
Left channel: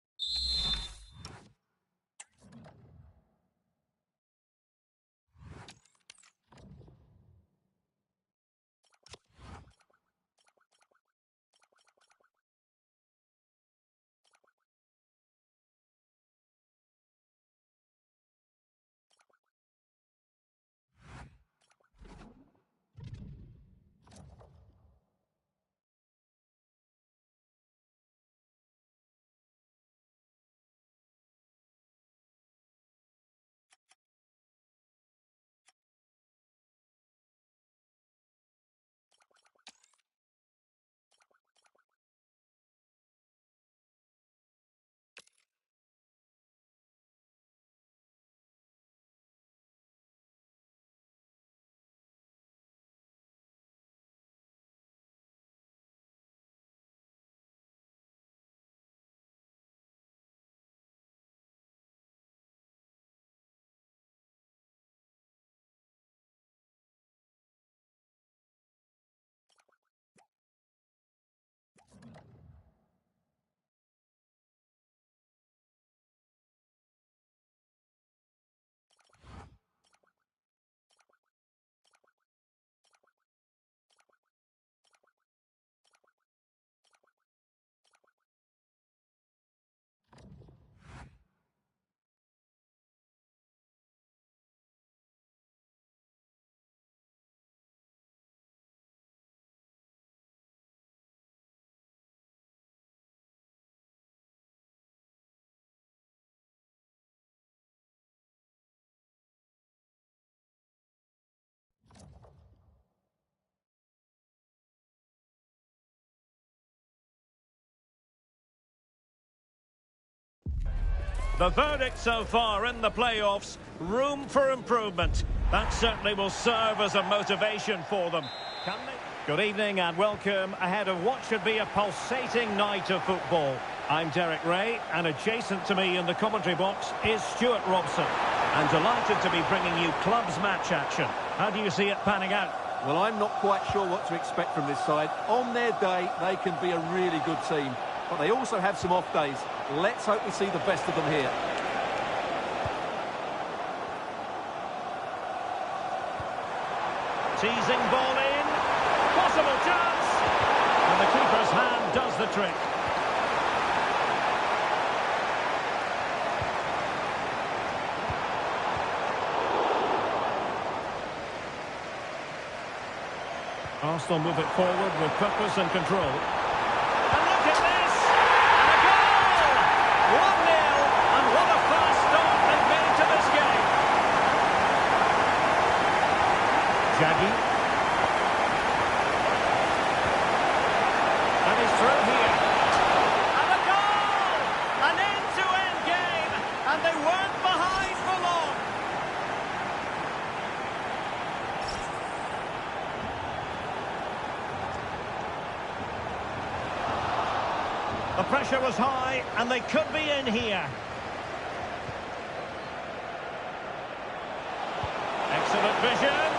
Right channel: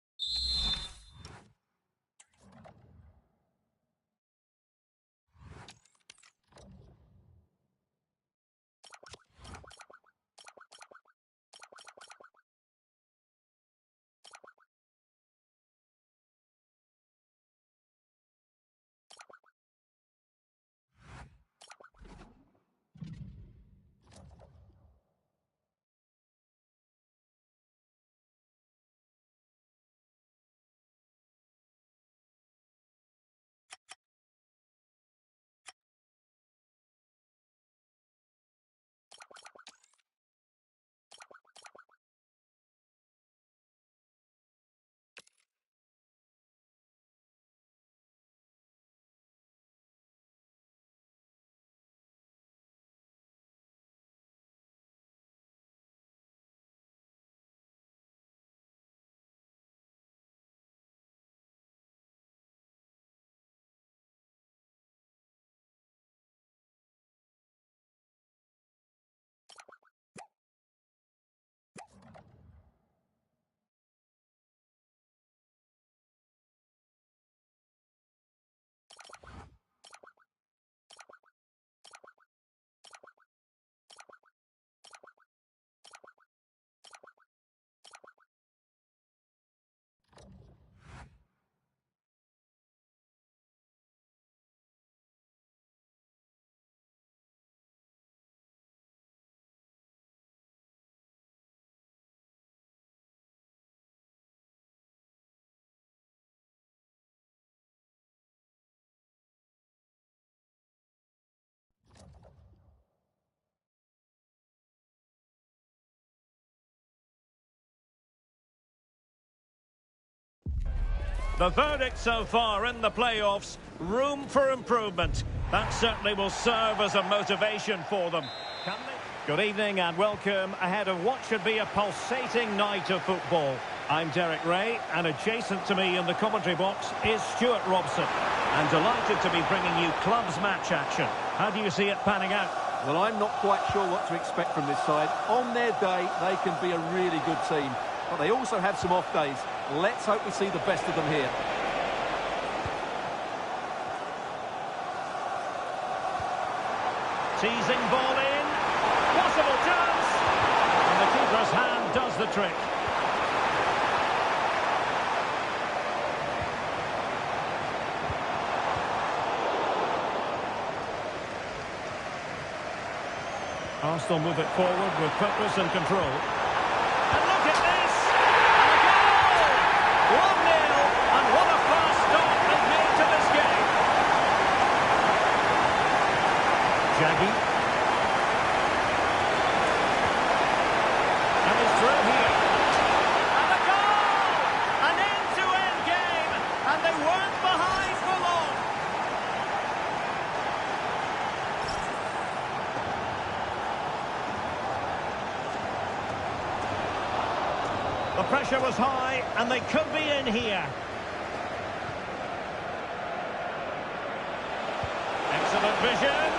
The verdict so far in the playoffs, room for improvement. That certainly will serve as a motivation for them. Can they? Good evening and welcome ahead of what should be a pulsating night of football. I'm Derek Ray, and adjacent to me in the commentary box is Stuart Robson. And delighted to be bringing you clubs match action. How do you see it panning out? Well, I'm not quite sure what to expect from this side. On their day, they can be a really good team. But they also have some off days. Let's hope we see the best of them here. Teasing ball in. Possible chance. And the keeper's hand does the trick. Arsenal move it forward with purpose and control. And look at this! And a goal! 1-0, and what a fast start they've made to this game. Jaggi. And he's through here. And a goal! An end-to-end game, and they weren't behind for long. The pressure was high, and they could be in here. Excellent vision.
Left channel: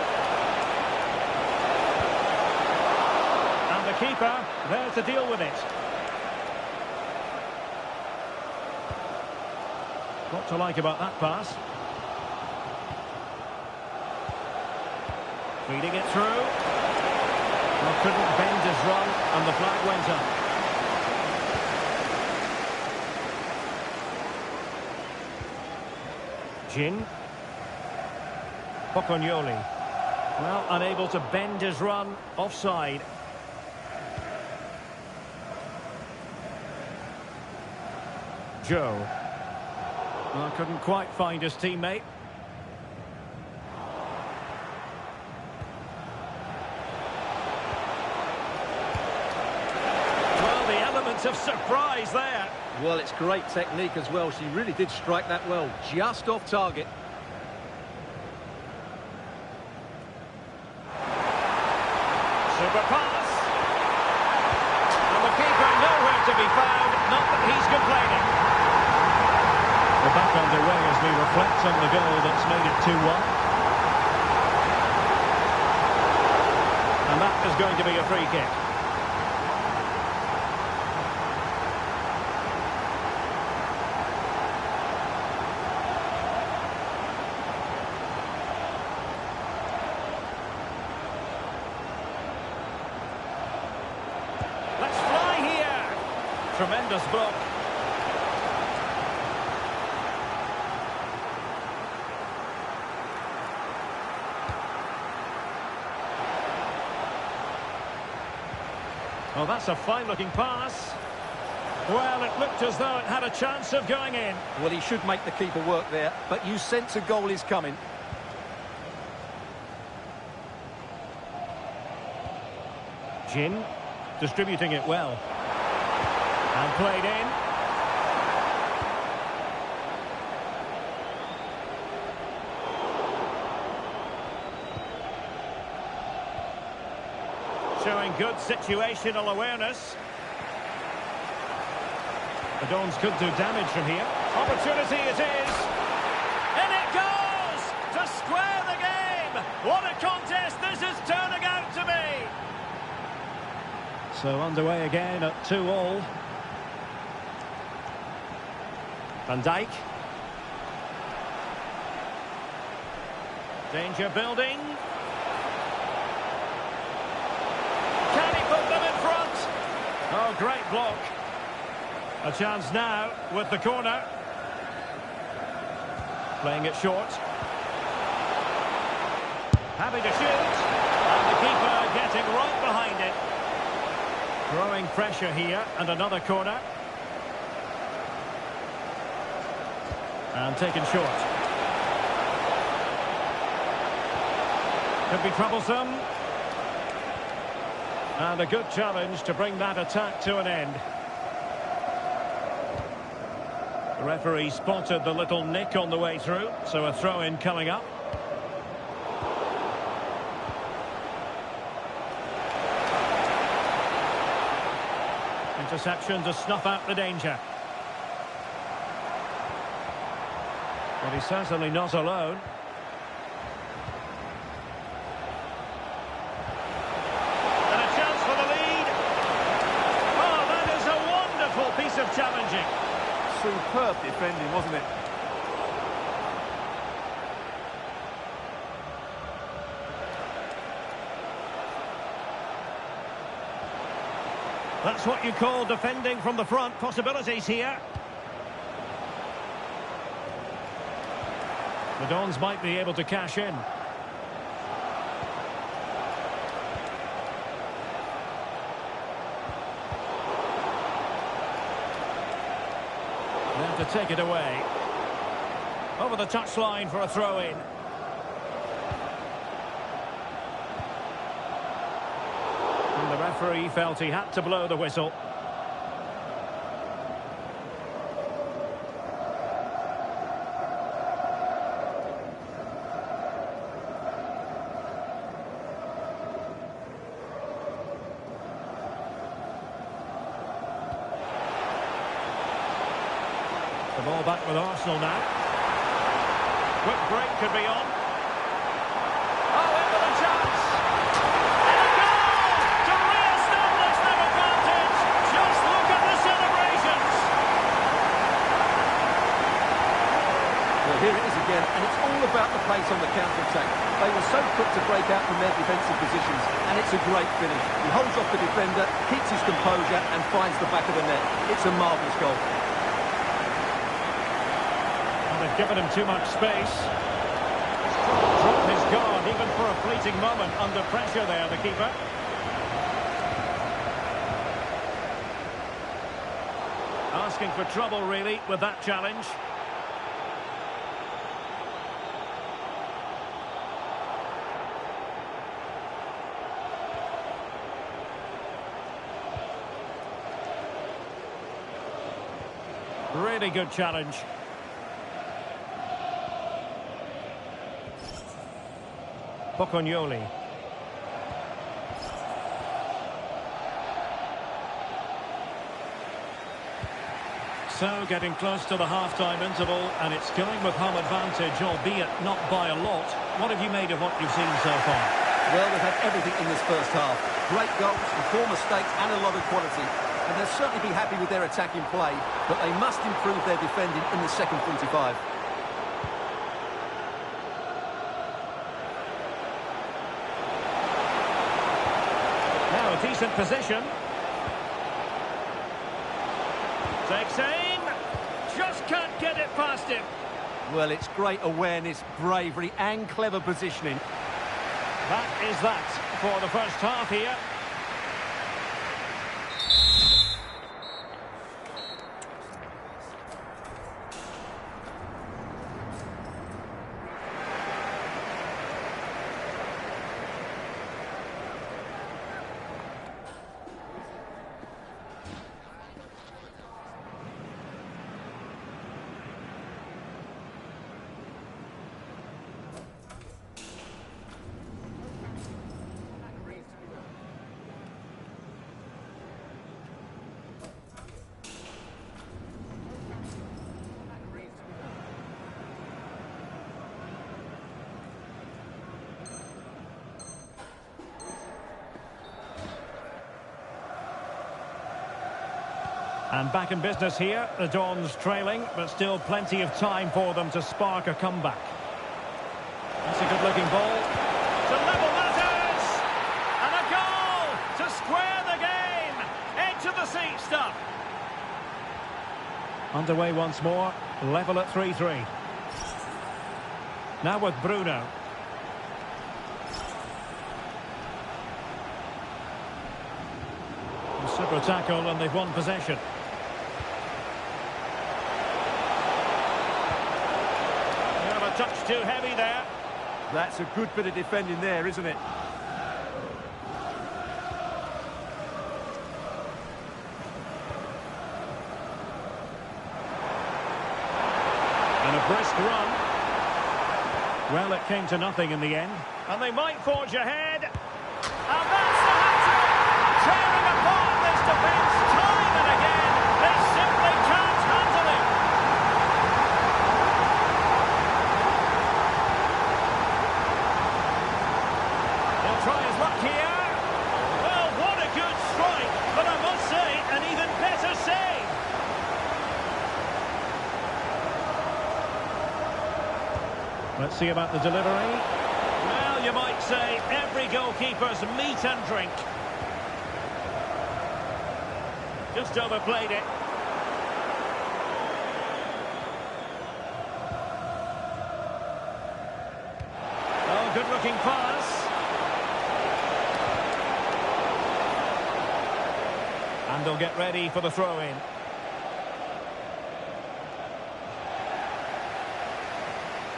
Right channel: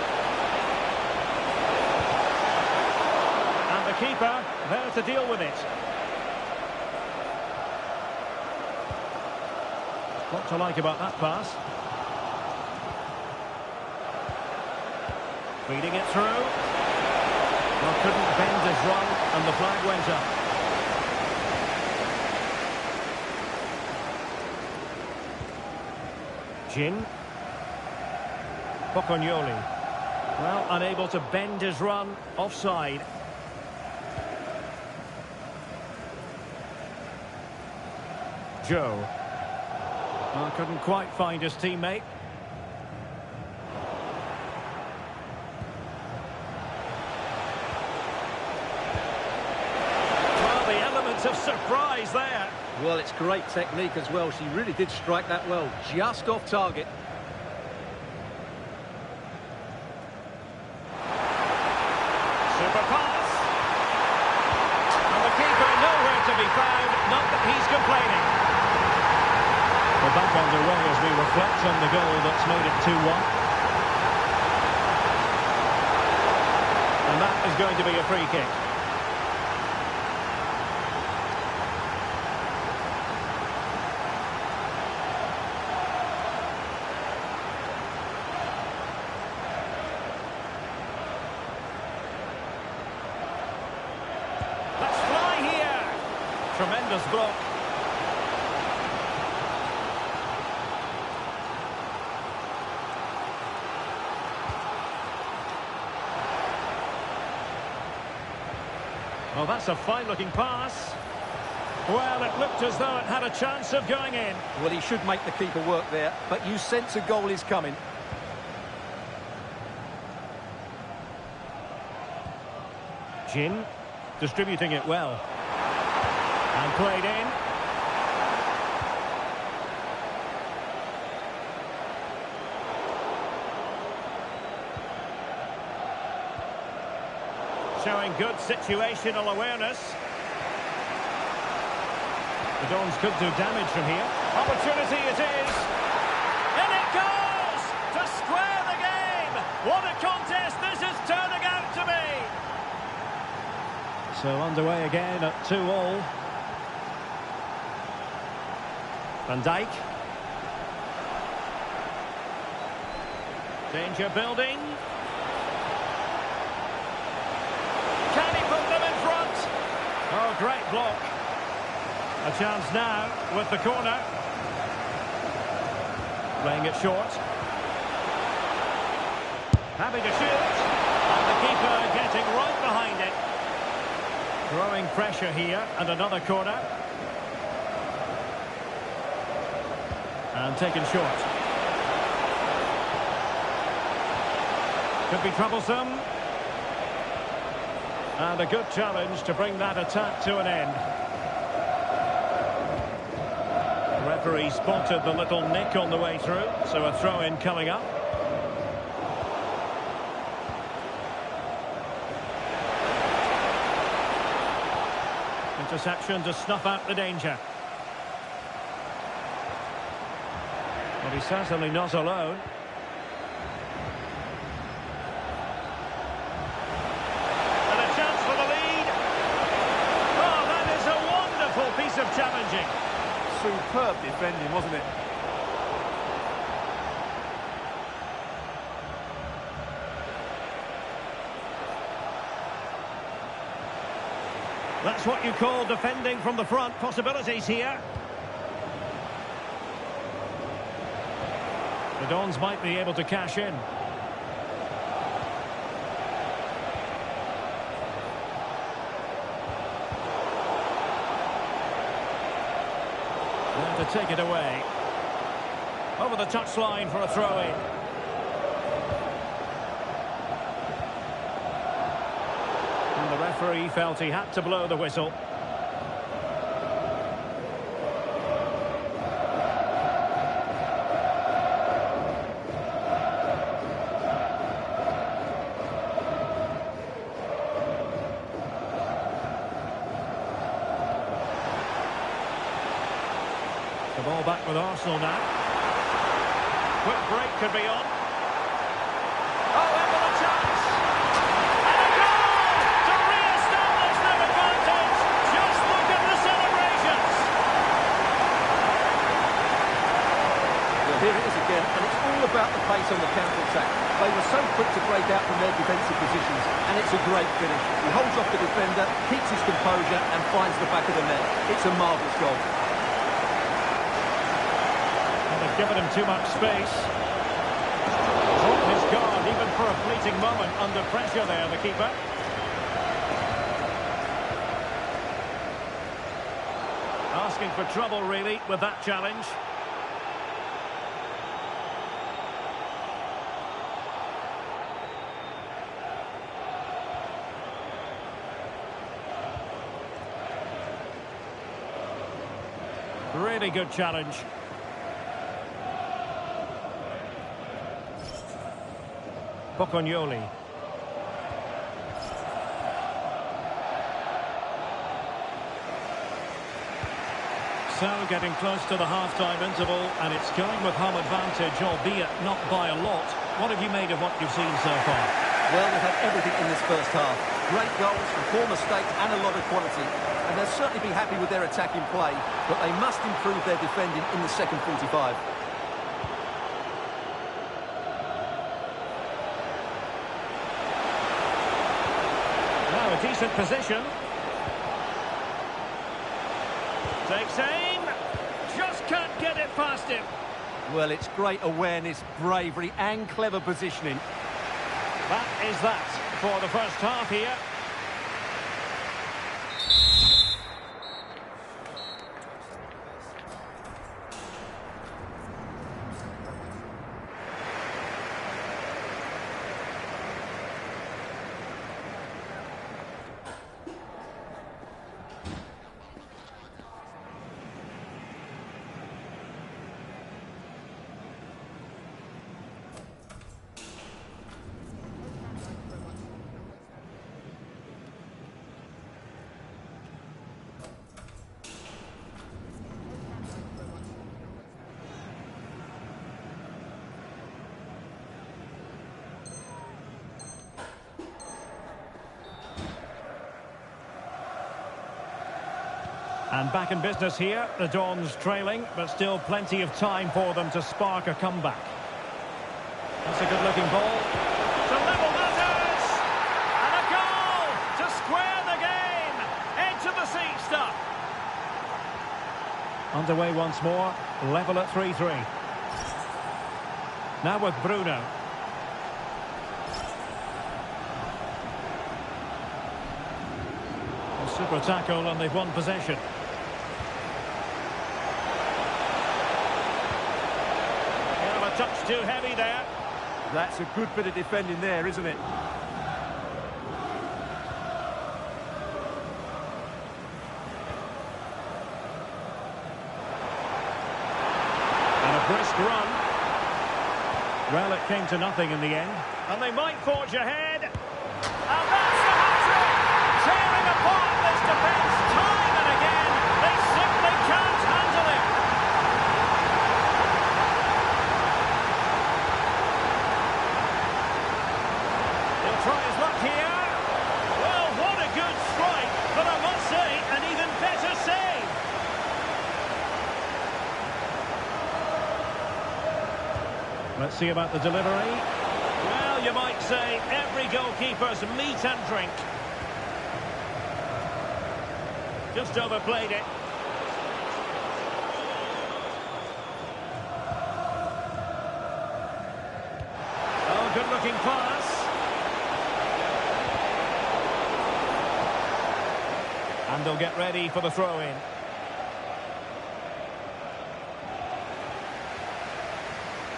And the keeper there to deal with it. What to like about that pass? Feeding it through. Well, couldn't bend his run, and the flag went up. Jin. Pocognoli. Well, unable to bend his run, offside. Joe. Well, couldn't quite find his teammate. Well, the elements of surprise there. Well, it's great technique as well. She really did strike that well, just off target. Super pass. And the keeper nowhere to be found, not that he's complaining. We're back underway as we reflect on the goal that's made it 2-1. And that is going to be a free kick. Let's fly here. Tremendous block. Well, that's a fine-looking pass. Well, it looked as though it had a chance of going in. Well, he should make the keeper work there, but you sense a goal is coming. Jin distributing it well. And played in. Showing good situational awareness. The Dons could do damage from here. Opportunity it is. In it goes! To square the game! What a contest this is turning out to be! So underway again at 2-2. Van Dijk. Danger building. Can he put them in front? Oh, great block. A chance now with the corner. Playing it short. Happy to shoot. And the keeper getting right behind it. Growing pressure here, and another corner. And taken short. Could be troublesome. And a good challenge to bring that attack to an end. The referee spotted the little nick on the way through, so a throw-in coming up. Interception to snuff out the danger. But he's certainly not alone. And a chance for the lead. Oh, that is a wonderful piece of challenging. Superb defending, wasn't it? That's what you call defending from the front. Possibilities here. The Dons might be able to cash in. Now to take it away. Over the touchline for a throw-in. And the referee felt he had to blow the whistle. The ball back with Arsenal now. Quick break could be on. Oh, in with a chance. And a goal to re-establish their advantage. Just look at the celebrations. Well, here it is again, and it's all about the pace on the counter-attack. They were so quick to break out from their defensive positions, and it's a great finish. He holds off the defender, keeps his composure, and finds the back of the net. It's a marvellous goal. They've given him too much space. Dropped his guard even for a fleeting moment under pressure there, the keeper. Asking for trouble, really, with that challenge. Really good challenge. Pocognoli. So getting close to the half-time interval, and it's going with home advantage, albeit not by a lot. What have you made of what you've seen so far? Well, they've had everything in this first half. Great goals from poor mistakes and a lot of quality. And they'll certainly be happy with their attacking play, but they must improve their defending in the second 45. Now a decent position. Takes aim. Just can't get it past him. Well, it's great awareness, bravery and clever positioning. That is that for the first half here. And back in business here, the Dons trailing, but still plenty of time for them to spark a comeback. That's a good-looking ball. To level matters! And a goal to square the game! Edge of the seat stuff. Underway once more, level at 3-3. Now with Bruno. A super tackle and they've won possession. A touch too heavy there. That's a good bit of defending there, isn't it? And a brisk run. Well, it came to nothing in the end. And they might forge ahead. And that's the hat-trick! Tearing apart this defence time and again. They simply can't handle him. try his luck here. Well, what a good strike, but I must say, an even better save. Let's see about the delivery. Well, you might say every goalkeeper's meat and drink. Just overplayed it. Oh, good-looking pass. And they'll get ready for the throw-in.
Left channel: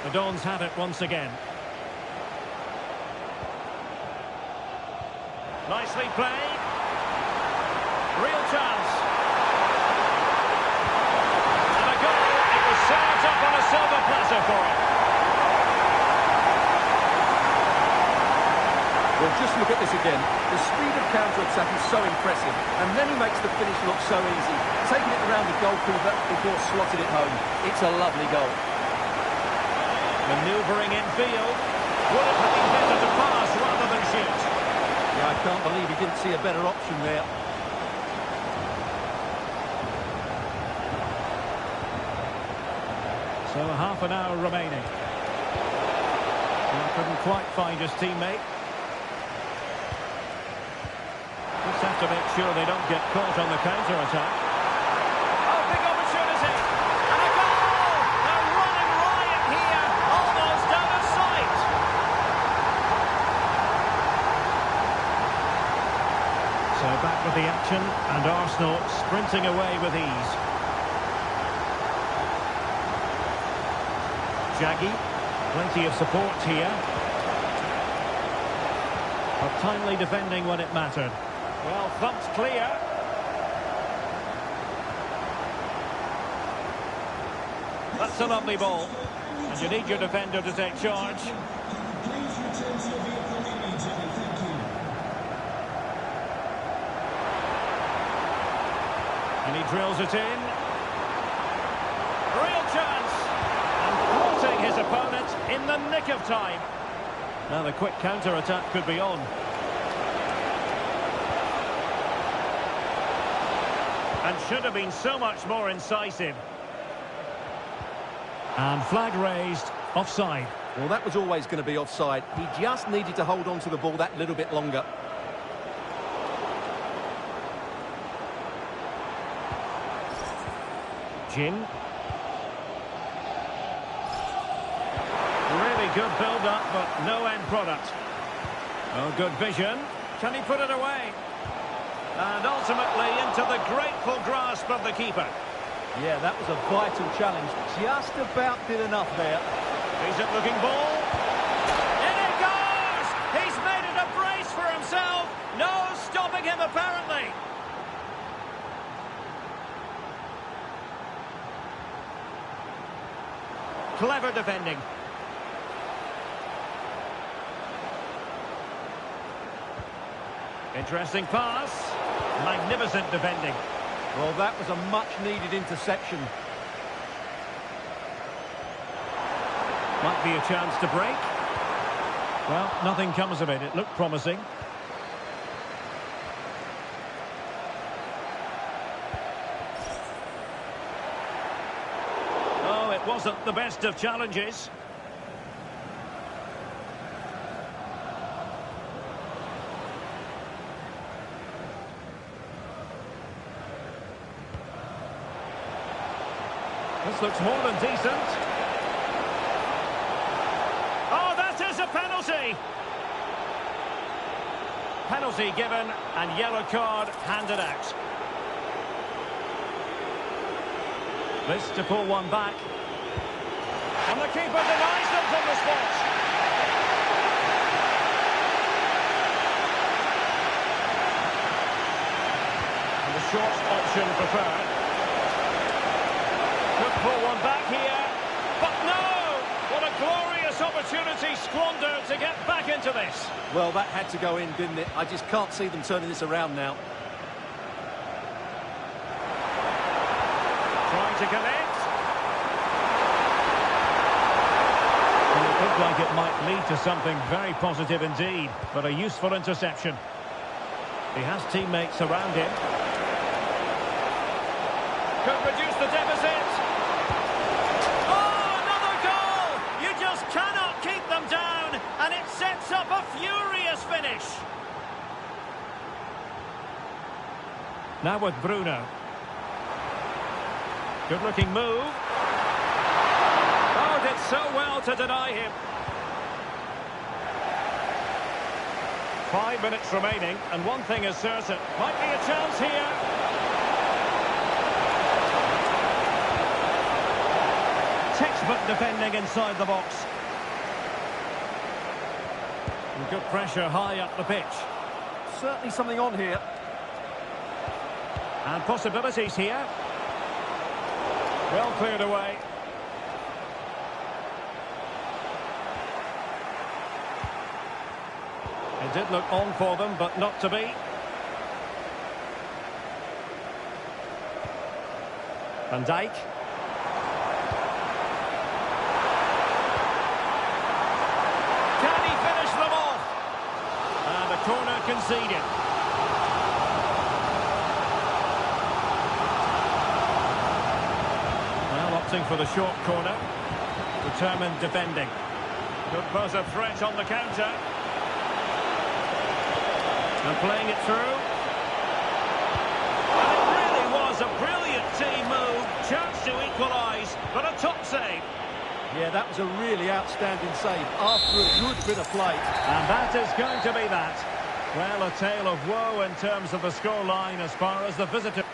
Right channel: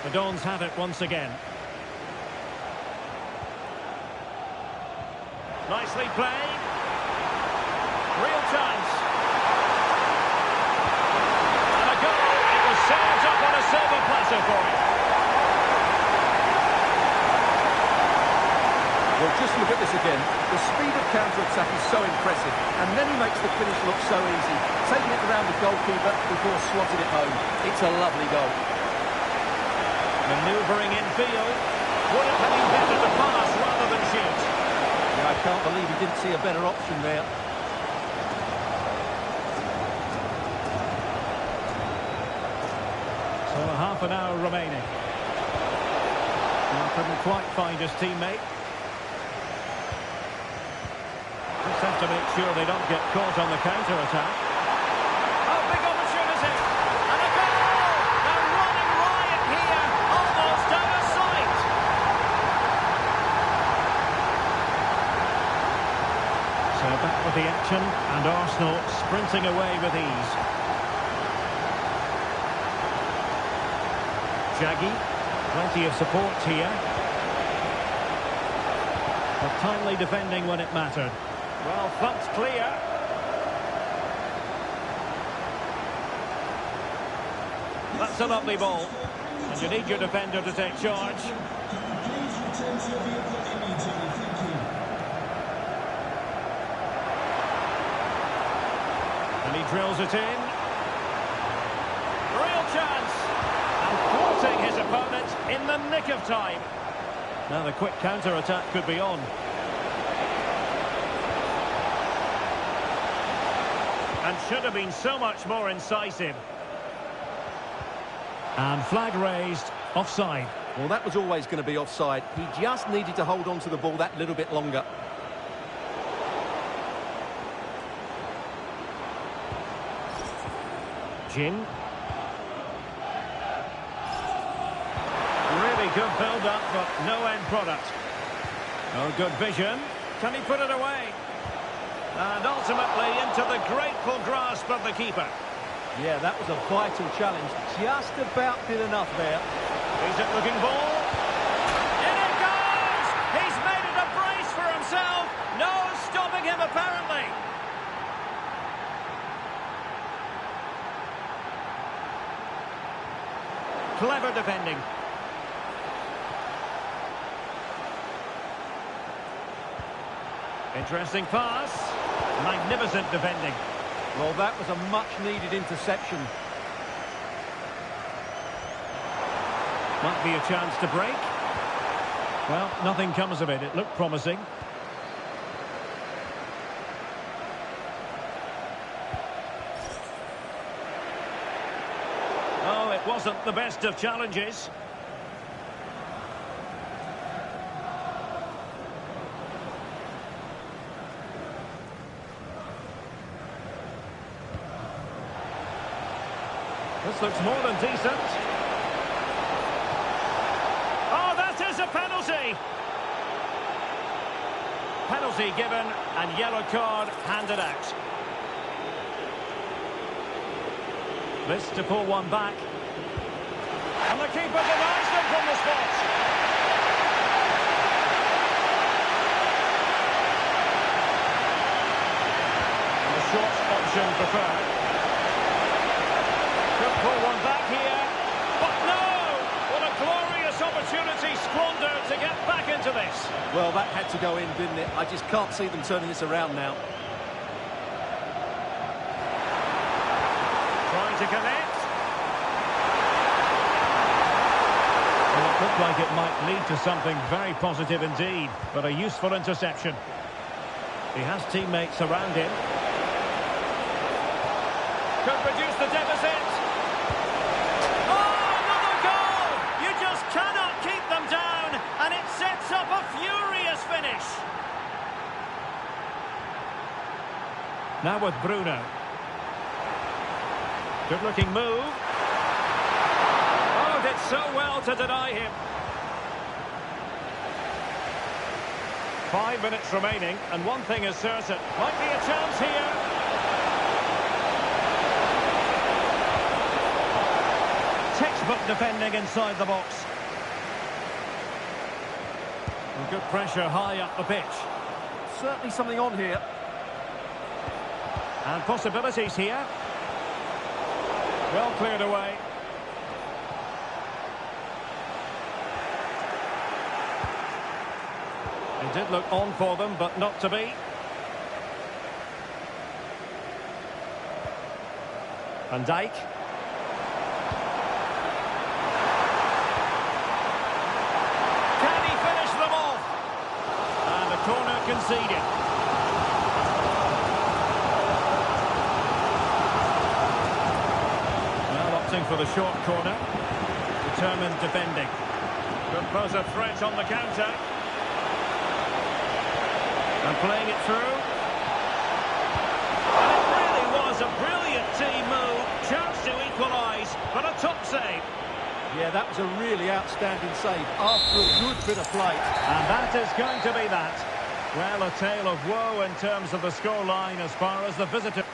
The Dons have it once again. Nicely played. Real chance. And a goal. It was served up on a silver platter for him. Well, just look at this again. The speed of counter-attack is so impressive, and then he makes the finish look so easy, taking it around the goalkeeper before slotting it home. It's a lovely goal. Manoeuvring in field. Would it have been better to pass rather than shoot? Yeah, I can't believe he didn't see a better option there. So a half an hour remaining. Well, couldn't quite find his teammate. Just have to make sure they don't get caught on the counter-attack. Oh, big opportunity! And a goal! They're running riot here, almost out of sight! So back with the action, and Arsenal sprinting away with ease. Jaggy, plenty of support here. But timely defending when it mattered. Well, thumped clear. That's a lovely ball. And you need your defender to take charge. Please return to your vehicle immediately. Thank you. And he drills it in. Real chance. And thwarting his opponent in the nick of time. Now the quick counter-attack could be on. And should have been so much more incisive. And flag raised, offside. Well, that was always going to be offside. He just needed to hold on to the ball that little bit longer. Jin. Really good build-up, but no end product. Oh, good vision. Can he put it away? And ultimately into the grateful grasp of the keeper. Yeah, that was a vital challenge. Just about did enough there. Decent-looking ball. In it goes! He's made it a brace for himself. No stopping him, apparently. Clever defending. Interesting pass. Magnificent defending. Well, that was a much-needed interception. Might be a chance to break. Well, nothing comes of it. It looked promising. Oh, it wasn't the best of challenges. This looks more than decent. Oh, that is a penalty! Penalty given and yellow card handed out. This to pull one back. And the keeper denies them from the spot. And the short option preferred. Could pull one back here, but no! What a glorious opportunity squandered to get back into this. Well, that had to go in, didn't it? I just can't see them turning this around now. Trying to connect. And it Looked like it might lead to something very positive indeed, but a useful interception. He has teammates around him. Could reduce the deficit. Oh, another goal! You just cannot keep them down, and it sets up a furious finish. Now with Bruno. Good-looking move. Oh, did so well to deny him. 5 minutes remaining, and one thing is certain. Might be a chance here. Textbook defending inside the box. And good pressure high up the pitch. Certainly something on here. And possibilities here. Well cleared away. It did look on for them, but not to be. Van Dijk. Can he finish them off? And a corner conceded. Well, opting for the short corner. Determined defending. Could pose a threat on the counter. And playing it through. And it really was a brilliant team move. Chance to equalise, but a top save. Yeah, that was a really outstanding save after a good bit of play. And that is going to be that. Well, a tale of woe in terms of the scoreline as far as the visitor.